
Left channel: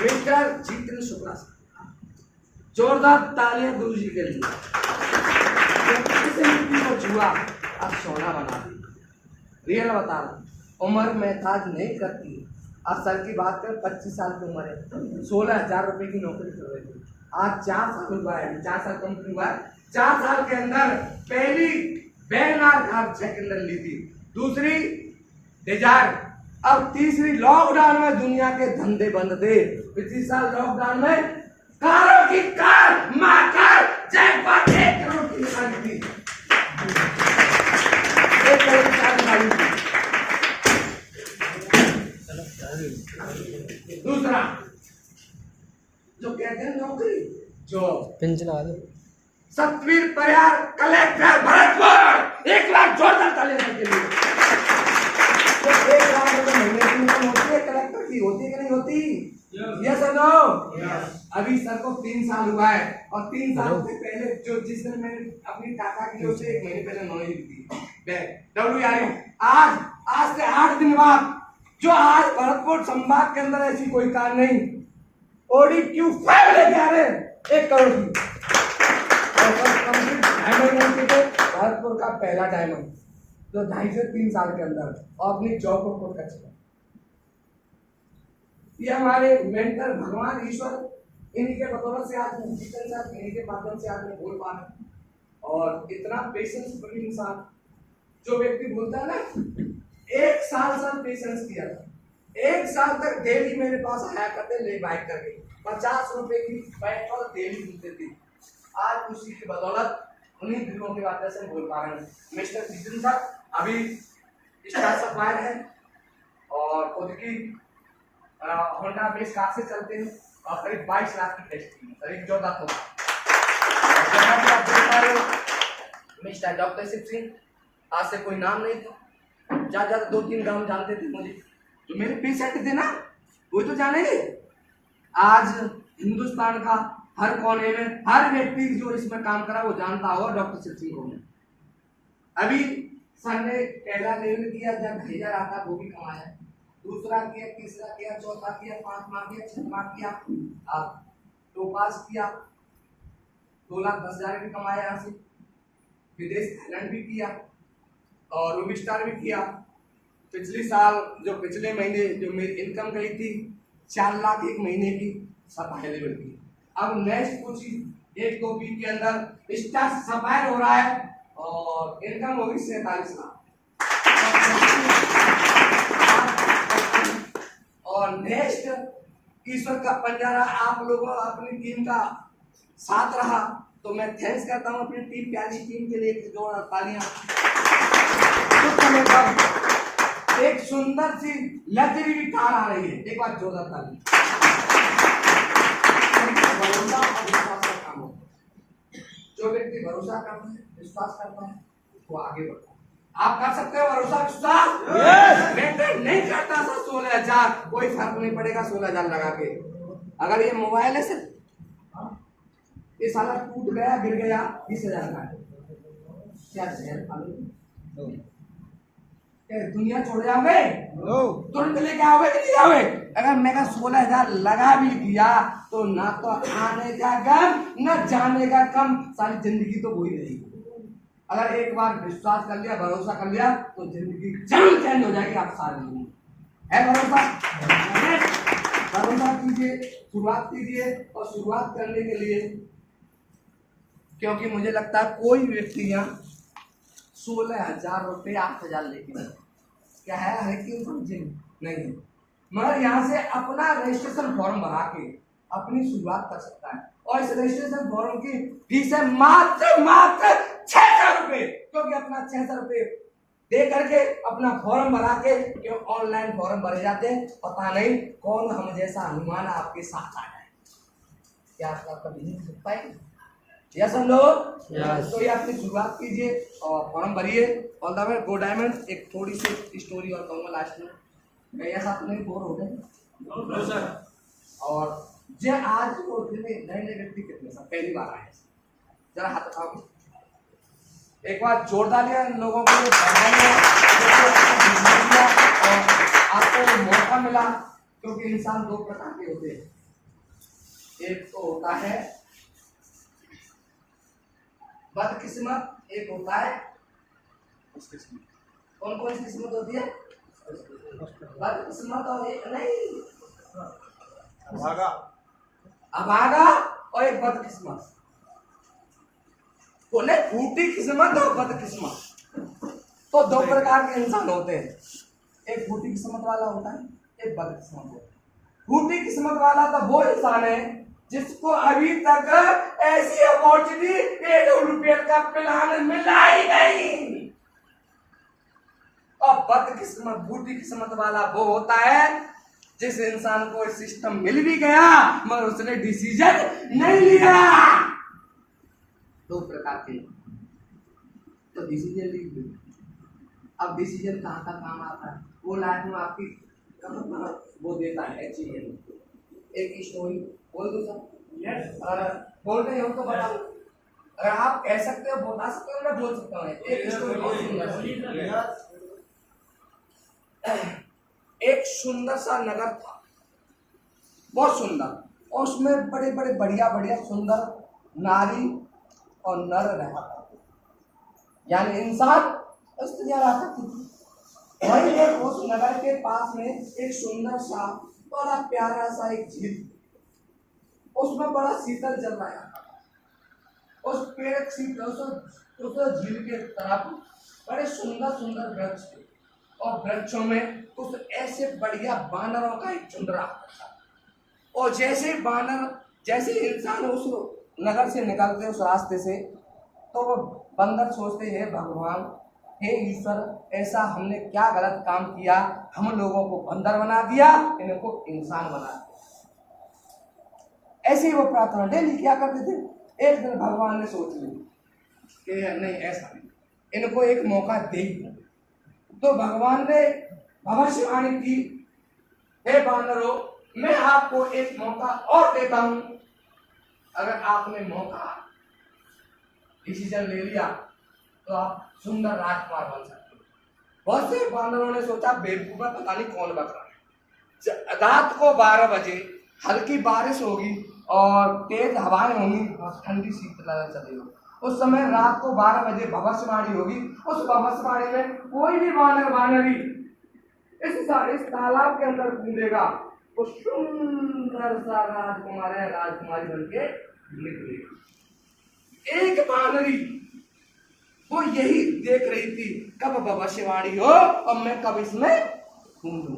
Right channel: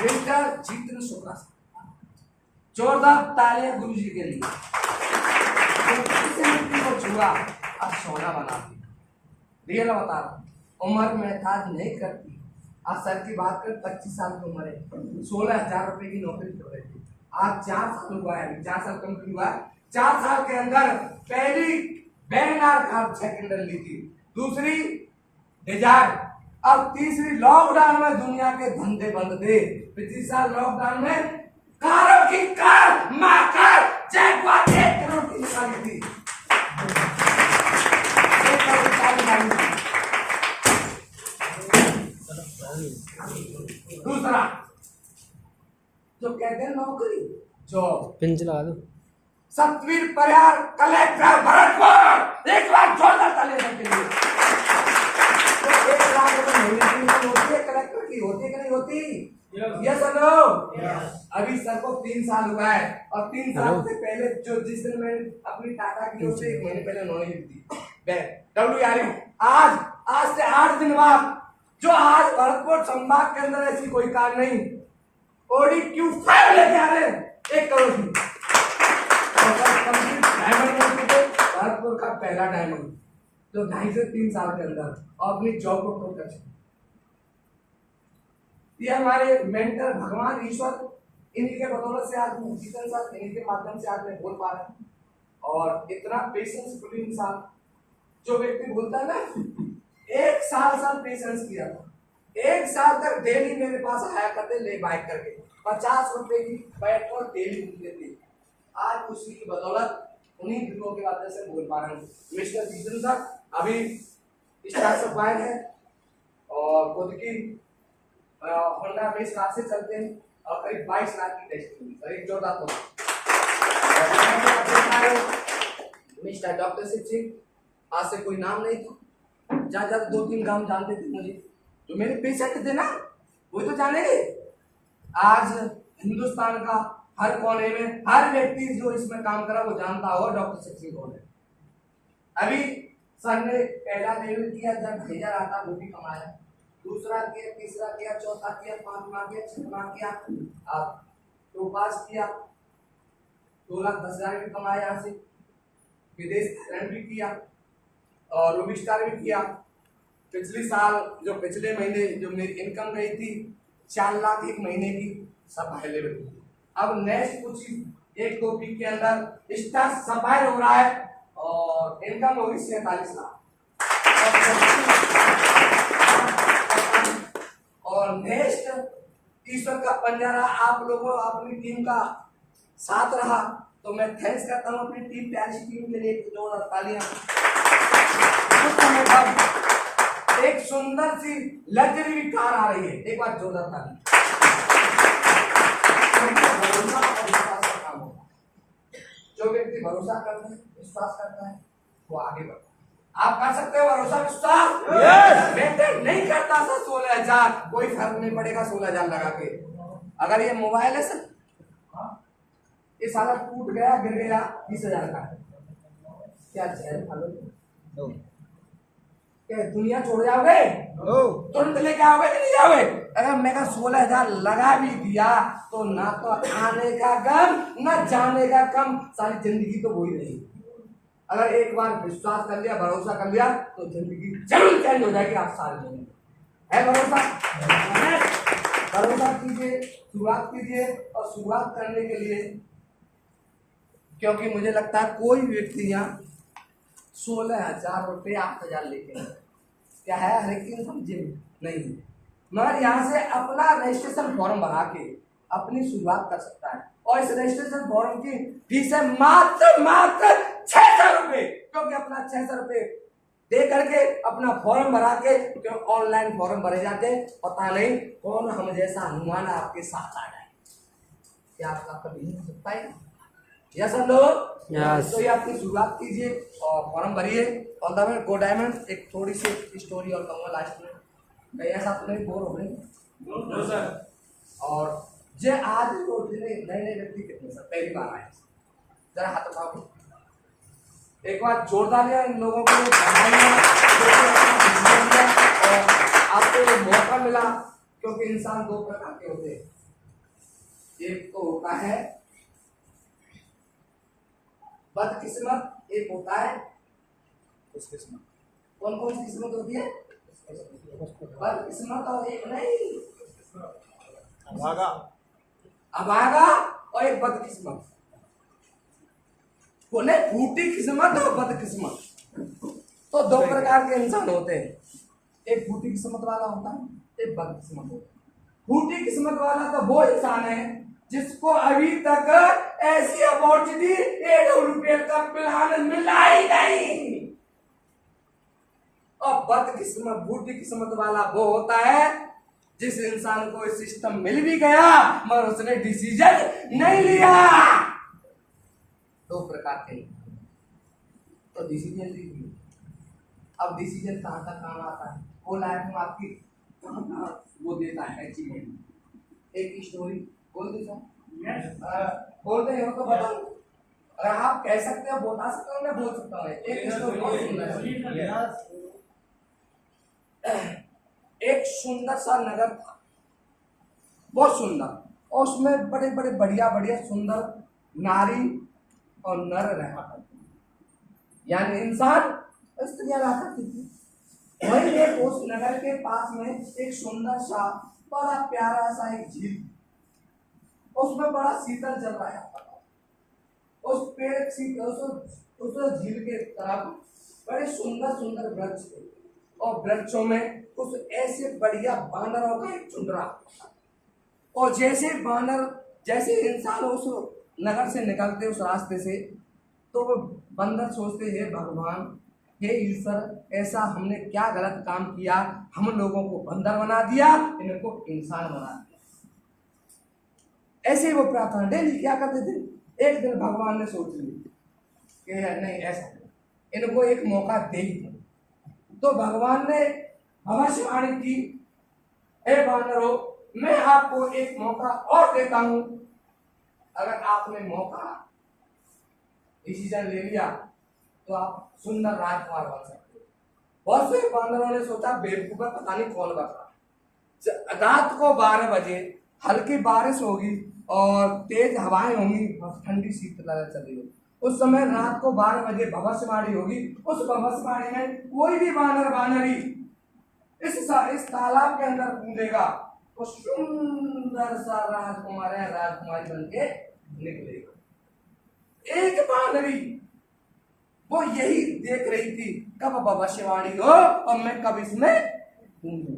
मिस्टर जीतन शुक्ला, जोरदार तालियां गुरु जी के लिए। को छुआ अब सोना बना दी, रियल बता रहा, उम्र महताज नहीं करती। आज सर की बात करें 25 साल की उम्र है, 16,000 रुपए की नौकरी कर रहे थे। आज 4 साल हुआ है, 4 साल कंप्लीट हुआ है। 4 साल के अंदर पहली वैगनार कार सेकंड ली थी, दूसरी डिजायर, अब तीसरी लॉकडाउन में दुनिया के धंधे बंद थे। पिछले साल लॉकडाउन में कारों की कार माकार जैकपॉट 1 करोड़ की निकाली थी, 1 करोड़ की कार निकाली थी। दूसरा जो कहते हैं नौकरी जॉब, पिन चला दो, सतवीर परिहार कलेक्टर भरतपुर, एक बार जोरदार ताली के लिए। तो 1 लाख रुपए महीने की इनकम होती है कलेक्टर की, होती है कि नहीं होती? यस और नो? अभी सर को 3 साल हुआ है और 3 साल से पहले जो जिस दिन मैंने अपनी टाटा की जो से 1 महीने पहले नॉलेज दी WRU, आज से 8 दिन बाद जो आज भरतपुर संभाग के अंदर ऐसी कोई कार नहीं, Audi Q5 लेके आ रहे हैं 1 करोड़ की। भरतपुर का पहला डायमंड जो 2.5 से 3 साल के अंदर और अपनी जॉब को खोल कर चुका। ये हमारे मेंटर भगवान ईश्वर, इन्हीं के बदौलत से आज जीतन साहब, इन्हीं के माध्यम से आज मैं बोल पा रहा हूँ। और इतना पेशेंस फुल इंसान, जो व्यक्ति बोलता है ना 1 साल सर पेशेंस किया था, 1 साल तक डेली मेरे पास आया करते ले बाइक करके, 50 रुपए की पेट्रोल डेली मिलते थे। आज उसी की बदौलत उन्हीं दिनों के बाद से बोल पा रहे हैं। मिस्टर जीतन साहब अभी स्टार सप्लायर है और खुद की होंडा बेस कार से चलते हैं और करीब 22 लाख की टेस्टिंग, सर एक जोरदार तो मिस्टर डॉक्टर शिव सिंह, आज से कोई नाम नहीं था, ज्यादा 2-3 गांव जानते थे मुझे, जो मेरे पेशेंट थे ना वो तो जानेंगे। आज हिंदुस्तान का हर कोने में हर व्यक्ति जो इसमें काम करा वो जानता होगा डॉक्टर शिव सिंह कौन है। अभी सर ने पहला लेवल किया जब 1000 आता वो भी कमाया, दूसरा किया, तीसरा किया, चौथा किया, 5वां किया, 6वां किया, अब तो पास किया, 2,10,000 भी कमाया यहाँ से, विदेश थाईलैंड भी किया और रूबी स्टार भी किया। पिछले साल जो पिछले महीने जो मेरी इनकम गई थी 4 लाख 1 महीने की, सब हाई लेवल की। अब नेक्स्ट कुछ 1-2 वीक के अंदर स्टार सफायर हो रहा है और इनकम होगी 47 लाख। और नेक्स्ट ईश्वर का पंजारा आप लोगों अपनी टीम का साथ रहा, तो मैं थैंक्स करता हूं अपनी टीम, प्यारी टीम के लिए जोरदार तालियां। एक सुंदर सी लग्जरी कार आ रही है, एक बार जोरदार ताली। भरोसा और विश्वास का काम होता है, जो व्यक्ति भरोसा करता है, विश्वास करता है, वो आगे बढ़ता है। आप कर सकते हो भरोसा विश्वास? मेंटेन नहीं करता था 16,000, कोई फर्क नहीं पड़ेगा 16,000 लगा के। अगर ये मोबाइल है सर, ये सारा टूट गया गिर गया 20,000 का है, क्या जहर खा लो? क्या दुनिया छोड़ जाओगे? तुरंत लेके आओगे कि नहीं आओगे? अगर मैं 16,000 लगा भी दिया तो ना तो आने का गम ना जाने का कम, सारी जिंदगी तो वही रहेगी। अगर एक बार विश्वास कर लिया, भरोसा कर लिया तो जिंदगी जरूर चेंज हो जाएगी। आप सारे लोगों है भरोसा? भरोसा कीजिए, शुरुआत कीजिए। और शुरुआत करने के लिए, क्योंकि मुझे लगता है कोई व्यक्ति यहाँ 16,000 रुपये 8,000 लेके क्या है, हर एक इंसान जिम नहीं, मगर यहाँ से अपना रजिस्ट्रेशन फॉर्म भरा के अपनी शुरुआत कर सकता है। और इस रजिस्ट्रेशन फॉर्म की फीस है मात्र 600 रुपये, क्योंकि अपना 600 रुपये दे करके अपना फॉर्म भरा के, क्यों ऑनलाइन फॉर्म भरे जाते हैं, पता नहीं कौन हम जैसा हनुमान आपके साथ आ जाए। क्या आपका कभी नहीं हो सकता है? यस हम लोग, तो ये अपनी शुरुआत कीजिए और फॉर्म भरिए। All the way go diamond. एक थोड़ी सी स्टोरी और कहूँगा लास्ट में, कहीं ऐसा तो नहीं बोर हो रहे? No sir. और जे आज को नए नए व्यक्ति कितने सर पहली बार आए, जरा हाथ उठाओ एक बार जोरदार लिया इन लोगों को और आपको मौका मिला, क्योंकि इंसान दो प्रकार के होते हैं। एक तो होता है बदकिस्मत, एक होता है खुशकिस्मत। कौन कौन सी किस्मत होती है? बदकिस्मत और एक नहीं अभागा और एक बदकिस्मत। बोले फूटी किस्मत और बदकिस्मत, तो दो प्रकार के इंसान होते हैं। एक फूटी किस्मत वाला होता है, एक बदकिस्मत होता है। फूटी किस्मत वाला तो वो इंसान है जिसको अभी तक ऐसी अपॉर्चुनिटी ₹1 का प्लान मिला ही नहीं। और बदकिस्मत फूटी किस्मत वाला वो होता है जिस इंसान को सिस्टम मिल भी गया मगर उसने डिसीजन नहीं लिया। दो प्रकार के, तो डिसीजन लीजिए। अब डिसीजन कहाँ का काम आता है, वो लाइफ में आपकी कहाँ वो देता है अचीवमेंट। एक स्टोरी बोल दो सर? बोलते हो तो बताओ, अगर आप कह सकते हो बता सकते हो, मैं बोल सकता हूँ। एक स्टोरी बहुत सुंदर, एक सुंदर सा नगर था, बहुत सुंदर, और उसमें बड़े बड़े बढ़िया बढ़िया सुंदर नारी और नर रहा करते, यानी इंसान स्त्रियां रहा करती थी। वही एक उस नगर के पास में एक सुंदर सा बड़ा प्यारा सा एक झील, उसमें बड़ा शीतल जल रहा था। उस पेड़ उस झील के तरफ बड़े सुंदर सुंदर वृक्ष थे, और वृक्षों में कुछ ऐसे बढ़िया बानरों का एक झुंड रहा था। और जैसे इंसान उस नगर से निकलते उस रास्ते से, तो वो बंदर सोचते हैं भगवान, हे ईश्वर, ऐसा हमने क्या गलत काम किया, हम लोगों को बंदर बना दिया, इनको इंसान बना दिया। ऐसे ही वो प्रार्थना डेली क्या करते थे। एक दिन भगवान ने सोच ली कि नहीं ऐसा नहीं, इनको एक मौका दे ही। तो भगवान ने भविष्यवाणी की, हे बानरों, मैं आपको एक मौका और देता हूं, अगर आपने मौका डिसीजन ले लिया तो आप सुंदर राजकुमार बन सकते हो। बहुत से बानरों ने सोचा बेवकूफा, पता नहीं कौन बक रहा है। रात को 12 बजे हल्की बारिश होगी और तेज हवाएं होंगी, ठंडी शीतलहर चलेगी। उस समय रात को 12 बजे भविष्यवाणी होगी। उस भविष्यवाणी में कोई भी बानरी इस तालाब के अंदर कूदेगा तो सुंदर सा राजकुमार है राजकुमारी बन के निकलेगा। एक बानरी वो यही देख रही थी कब भविष्यवाणी हो और मैं कब इसमें कूदूं।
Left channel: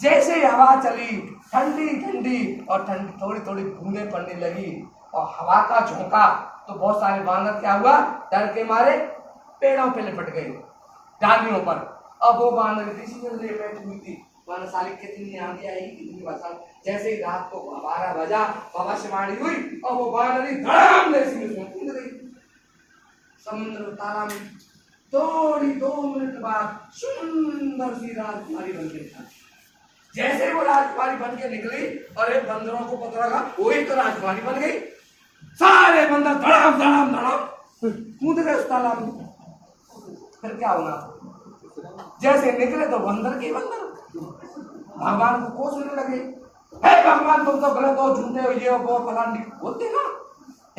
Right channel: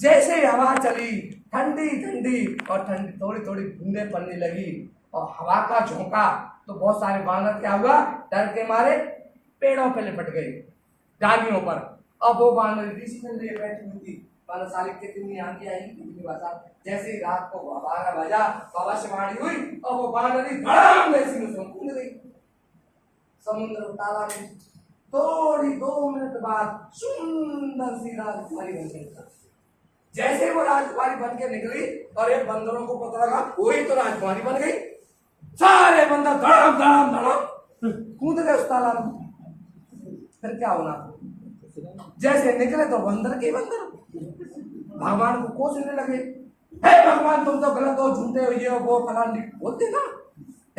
जैसे ही हवा चली, ठंडी ठंडी और ठंडी थोड़ी थोड़ी बूंदें पड़ने लगी और हवा का झोंका, तो बहुत सारे बानर क्या हुआ, डर के मारे पेड़ों पे लिपट गए, डालियों पर। अब वो बानर डिसीजन ले बैठी हुई थी, साली कितनी आंधी आएगी, कितनी बरसात। जैसे ही रात को 12 बजा, भविष्यवाणी हुई और वो बानरी धड़ाम जैसी में कूद गई समुद्र तालाब में। थोड़ी 2 मिनट बाद सुंदर सी राजकुमारी बन गई। जैसे वो राजकुमारी बन के निकली और एक बंदरों को पता लगा वही तो राजकुमारी बन गई, सारे बंदर धड़ाम धड़ाम धड़ाम कूद गए उस तालाब में। फिर क्या होना? जैसे निकले तो बंदर के बंदर भगवान को कोसने लगे, हे भगवान तुम तो गलत हो, झूठे हो, ये हो वो फलान, बोलते ना,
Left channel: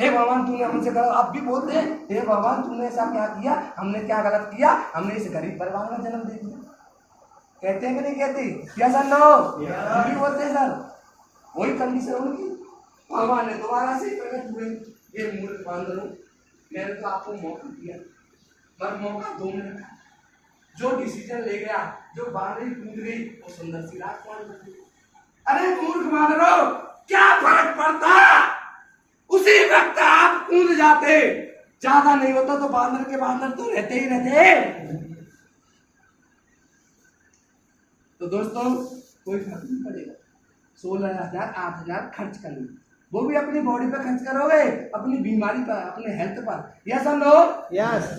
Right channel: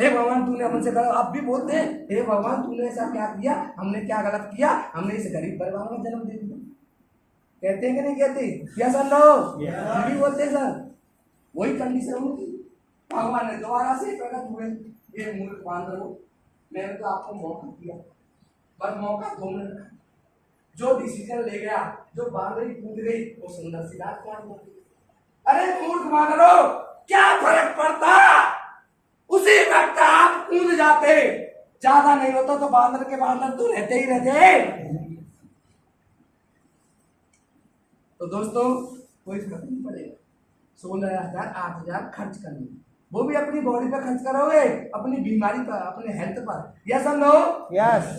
हे भगवान तूने हमसे गलत, अब भी बोलते हैं हे भगवान तूने ऐसा क्या किया, हमने क्या गलत किया, हमने इस गरीब परिवार में जन्म दे दिया। कहते हैं कि नहीं कहते? क्या सर लो भी बोलते हैं सर। वही कंडीशन उनकी। भगवान ने दोबारा से प्रकट हुए, ये मूर्ख बांदर हो, मैंने तो आपको मौका दिया, पर मौका दो मिनट का, जो डिसीजन ले गया, जो बांदरी कूद गई, वो सुंदर सी राजकुमारी बन गई। अरे मूर्ख बांदरो, क्या फर्क पड़ता, उसी वक्त आप कूद जाते, ज्यादा नहीं होता तो बांदर के बांदर तो रहते ही रहते। तो दोस्तों कोई फर्क नहीं पड़ेगा, 16,000 8,000 खर्च करना, वो भी अपनी बॉडी पर खर्च करोगे, अपनी बीमारी पर, अपने हेल्थ पर। यस और नो? यस।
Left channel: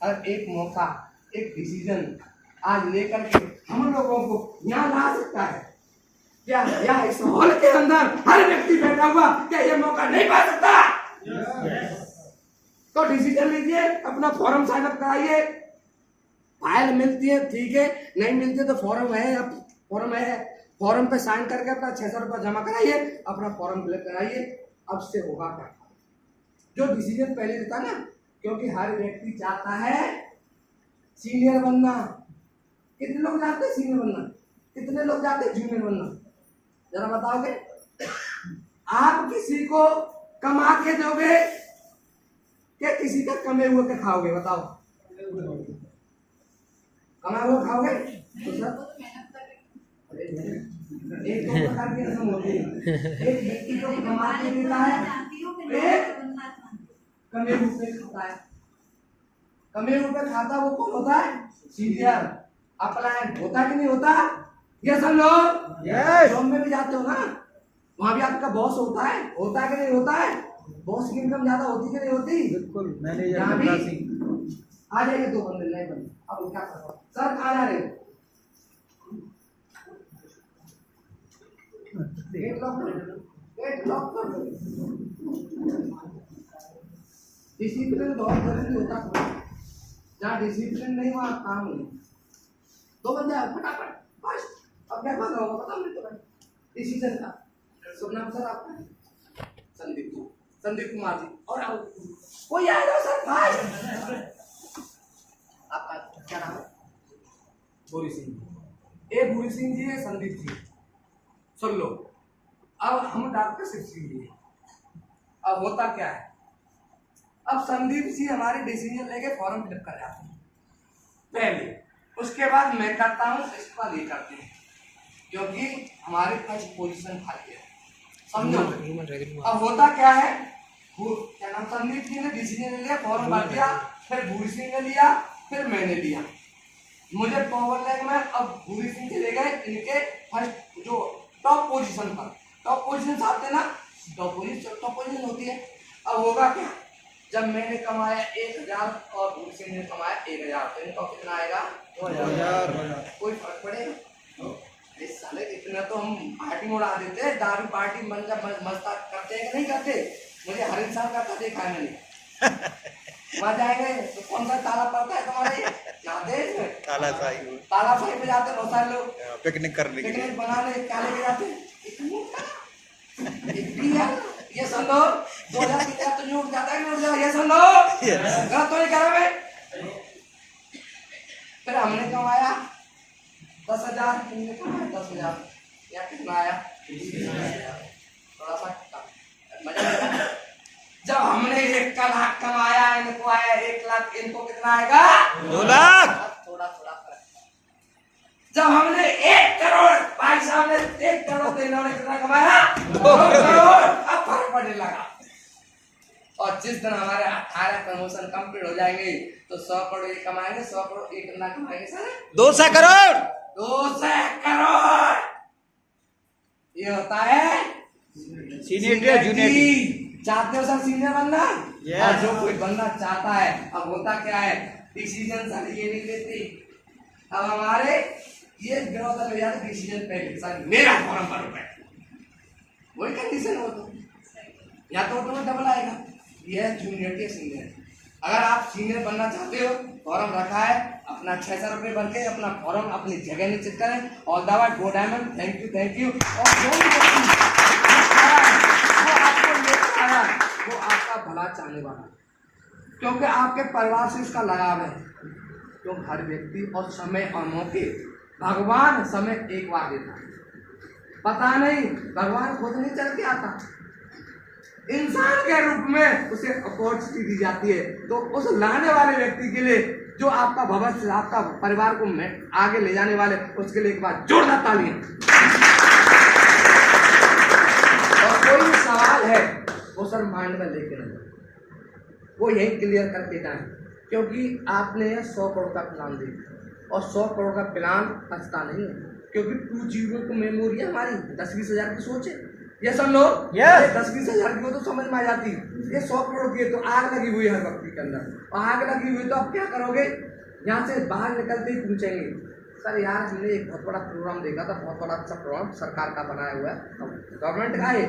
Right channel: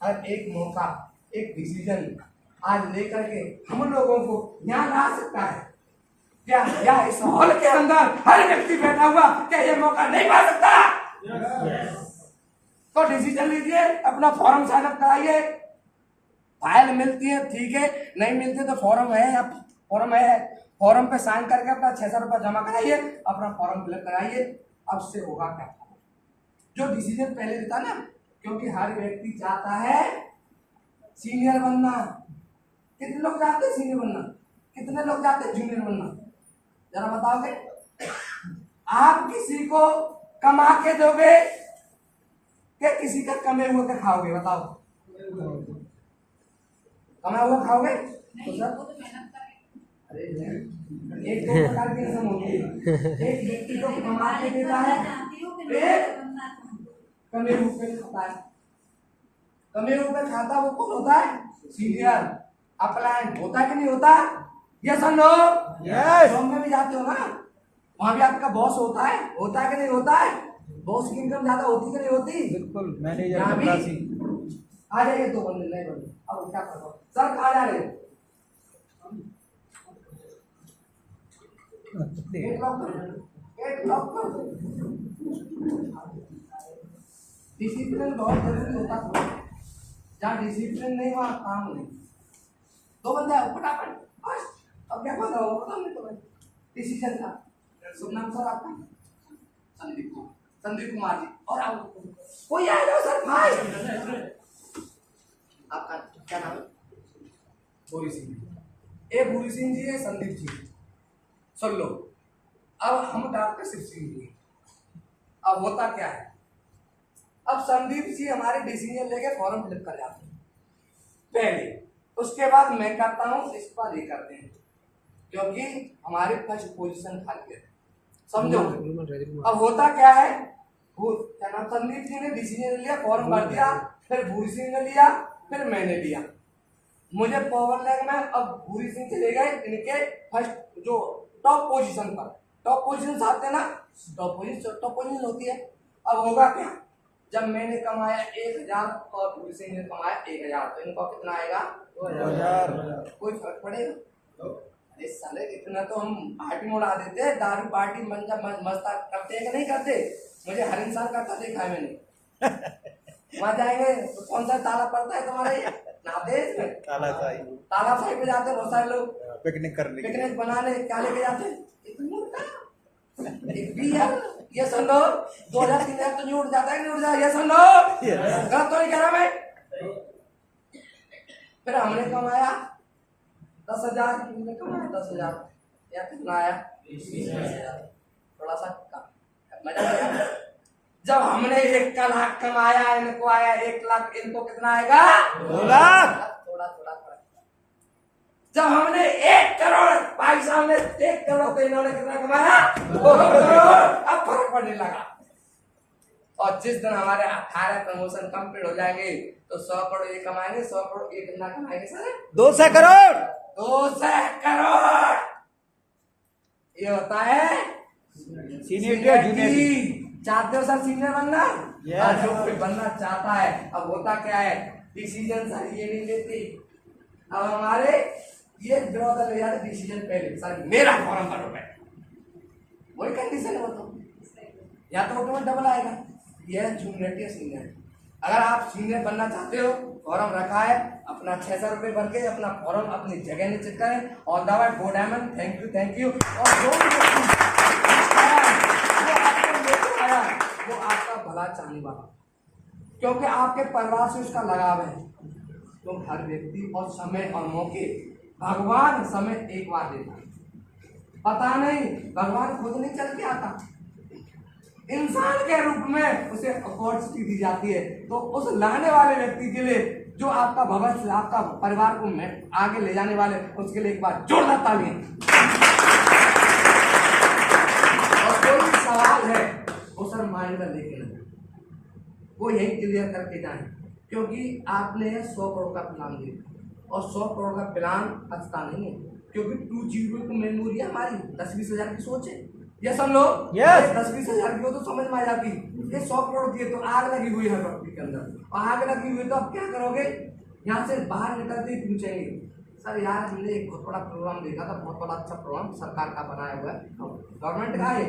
और एक मौका, एक डिसीजन आज लेकर के हम लोगों को यहाँ ला सकता है क्या? या इस हॉल के अंदर हर व्यक्ति बैठा हुआ क्या ये मौका नहीं पा सकता? तो डिसीजन लीजिए, अपना फॉर्म साइन अप कराइए, फाइल मिलती है ठीक है, नहीं मिलती है तो फॉर्म है, अब फॉर्म है, फॉर्म पे साइन करके अपना 600 रुपया जमा कराइए, अपना फॉर्म फिलअप कराइए। अब से होगा क्या? जो डिसीजन पहले लेता ना, क्योंकि हर व्यक्ति चाहता है सीनियर बनना। कितने लोग चाहते हैं सीनियर बनना? कितने लोग चाहते हैं जूनियर बनना? जरा बताओगे? आप किसी को कमा के दोगे क्या किसी का कमे हुए के खाओगे? बताओ। कमा हुआ खाओगे तो सर एक दो प्रकार की रस्म होती है, एक व्यक्ति को कमा के देता है, एक कमे हुए पे खाता है। कमे हुए पे खाता वो कौन होता है? सीनियर। अपलाइन होता कि नहीं होता? ये समझो। यस। जॉब में भी जाते हो ना, वहां भी आपका बॉस होता है कि नहीं होता है? बॉस की इनकम ज्यादा होती कि नहीं होती? बिल्कुल। यहाँ भी आ जाइए, 2 बंदे नहीं बने। अब क्या करो सर, कहाँ जा रहे हो? गेट लॉक कर दो। डिसिप्लिन बहुत जरूरी होता है, जहाँ डिसिप्लिन नहीं वहाँ काम नहीं। 2 बंदे फटाफट बस। अब क्या करना होगा पता नहीं तुम्हें? डिसीजन का शुभ नाम सर आपका? संदीप कुमार जी। और आओ कोई आएगा सर भाई? आपका क्या नाम है? भूरी सिंह। ए भूरी सिंह जी है, संदीप जी, सुन लो। अब हम डॉक्टर शिव सिंह जी। अब होता क्या है, अब संदीप जी हमारे डिसीजन लेके फॉर्म फिलअप कर जाते हैं पहले, उसके बाद मैं करता हूँ, इसके बाद ये करते हैं, क्योंकि हमारे फर्स्ट पोजीशन खाली है, समझो। अब होता क्या है, क्या नाम, संदीप जी ने डिसीजन लिया, फॉर्म भर दिया, फिर भूरी सिंह ने लिया, फिर मैंने लिया। मुझे पावर लैग में अब भूरी सिंह चले गए इनके फर्स्ट जो टॉप पोजीशन पर। टॉप पोजीशन आते हैं ना, टॉप पोजीशन होती है। अब होगा क्या, जब मैंने कमाया 1,000 और भूरी सिंह ने कमाया 1,000, तो इनका कितना आएगा? 2,000। कोई फर्क पड़ेगा? इस साले इतना तो हम पार्टी में उड़ा देते हैं, दारू पार्टी मस्ता करते हैं कि नहीं करते? मुझे हर इंसान करता देखा है मैंने। वहाँ जाएंगे तो कौन सा ताला पड़ता है तुम्हारे जाते हैं? ताला साई पे जाते हैं बहुत सारे लोग पिकनिक बनाने। क्या लेके जाते हैं? ये सुन लो, 2,000 तो उठ जाता है कि उठ जाता? ये सुन लो, गलत तो नहीं कह रहा मैं। फिर हमने कमाया 10,000, तुमने कमाया 10,000, या कितना आया? थोड़ा सा मजा आया। जब हमने 1 लाख कमाया, इनको आया 1 लाख, इनको कितना आएगा? 2 लाख। थोड़ा फर्क। जब हमने 1 करोड़, भाई साहब ने 1 करोड़, तो इन्होंने कितना कमाया? 2 करोड़। अब फर्क पड़ने लगा। और जिस दिन हमारे 18 प्रमोशन कंप्लीट हो जाएंगे तो 100 करोड़ ये कमाएंगे, 100 करोड़ ये कितना कमाएंगे सर? 200 करोड़। 200 करोड़। ये होता है सीनियर जूनियर। चाहते हो सर सीनियर बनना? Yes. और जो कोई बनना चाहता है, अब होता क्या है, डिसीजन सर ये नहीं लेते। अब हमारे ये विरोध ले जाते डिसीजन पहले, सर मेरा फॉर्म भरो पहले, वही कंडीशन हो तो या तो ऑटोमेटिक डबल आएगा। ये है जूनियर के सीनियर। अगर आप सीनियर बनना चाहते हो फॉर्म रखा है, अपना 600 रुपये भर के अपना फॉर्म अपनी जगह निश्चित करें। All the way go diamond, thank you. और जो भी व्यक्ति वो आपको लेकर आया वो आपका भला चाहने वाला है, क्योंकि आपके परिवार से उसका लगाव है। तो हर व्यक्ति और समय और मौके भगवान समय एक बार देता है, पता नहीं भगवान खुद नहीं चल के आता, इंसान के रूप में उसे अपॉर्चुनिटी दी जाती है। तो उस लाने वाले व्यक्ति के लिए जो आपका भविष्य आपका परिवार को आगे ले जाने वाले, उसके लिए एक बार जोरदार तालियां। और कोई सवाल है वो सर माइंड में लेके नहीं, वो यही क्लियर करके जाए, क्योंकि आपने 100 करोड़ का प्लान दिया और 100 करोड़ का प्लान अच्छा नहीं है, क्योंकि 2 जीरो को मेमोरी है हमारी, 10-20 हज़ार की सोच है। ये सब लोग 10-20 हज़ार की हो तो समझ में आ जाती है, ये 100 करोड़ की है तो आग लगी हुई है व्यक्ति के अंदर, और आग लगी हुई तो आप क्या करोगे, यहाँ से बाहर निकलते ही पूछेंगे सर यार हमने एक बहुत बड़ा प्रोग्राम देखा था, बहुत बड़ा अच्छा प्रोग्राम सरकार का बनाया हुआ है, गवर्नमेंट का है,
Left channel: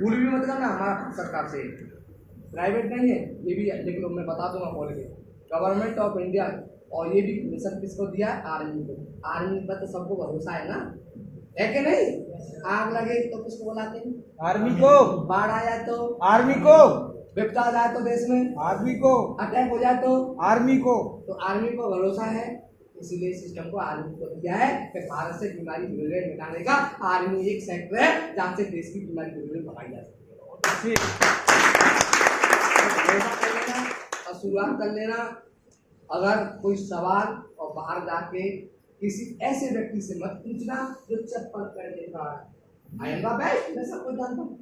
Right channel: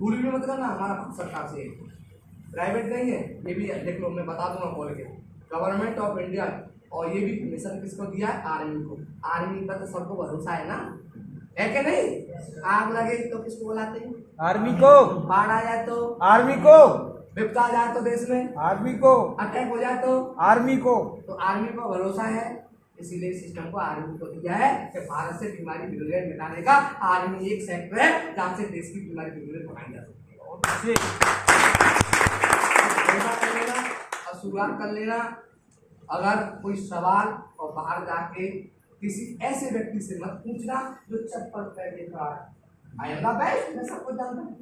भूल भी मत करना हमारा भारत सरकार से, प्राइवेट नहीं है, ये भी देख लो मैं बता दूंगा बोल के, गवर्नमेंट ऑफ इंडिया। और ये भी मिशन किसको दिया है, आर्मी को। आर्मी पर तो सबको भरोसा है ना, है कि नहीं। आग लगे तो किसको बुलाते हैं, आर्मी को। बाढ़ आ जाए तो आर्मी को। विपदा आ जाए तो देश में आर्मी को। अटैक हो जाए तो आर्मी को। तो आर्मी को भरोसा है, इसीलिए सिस्टम को आर्मी को दिया है कि भारत से बीमारी बिगड़े मिटाने का आर्मी एक सेक्टर है जहाँ से देश की बीमारी बिगड़े भगाई जा सकती है। और शुरुआत कर लेना, अगर कोई सवाल और बाहर जाके किसी ऐसे व्यक्ति से मत पूछना जो चप्पल पहन के खड़ा है। आई एम द बेस्ट, मैं सब कुछ जानता हूँ,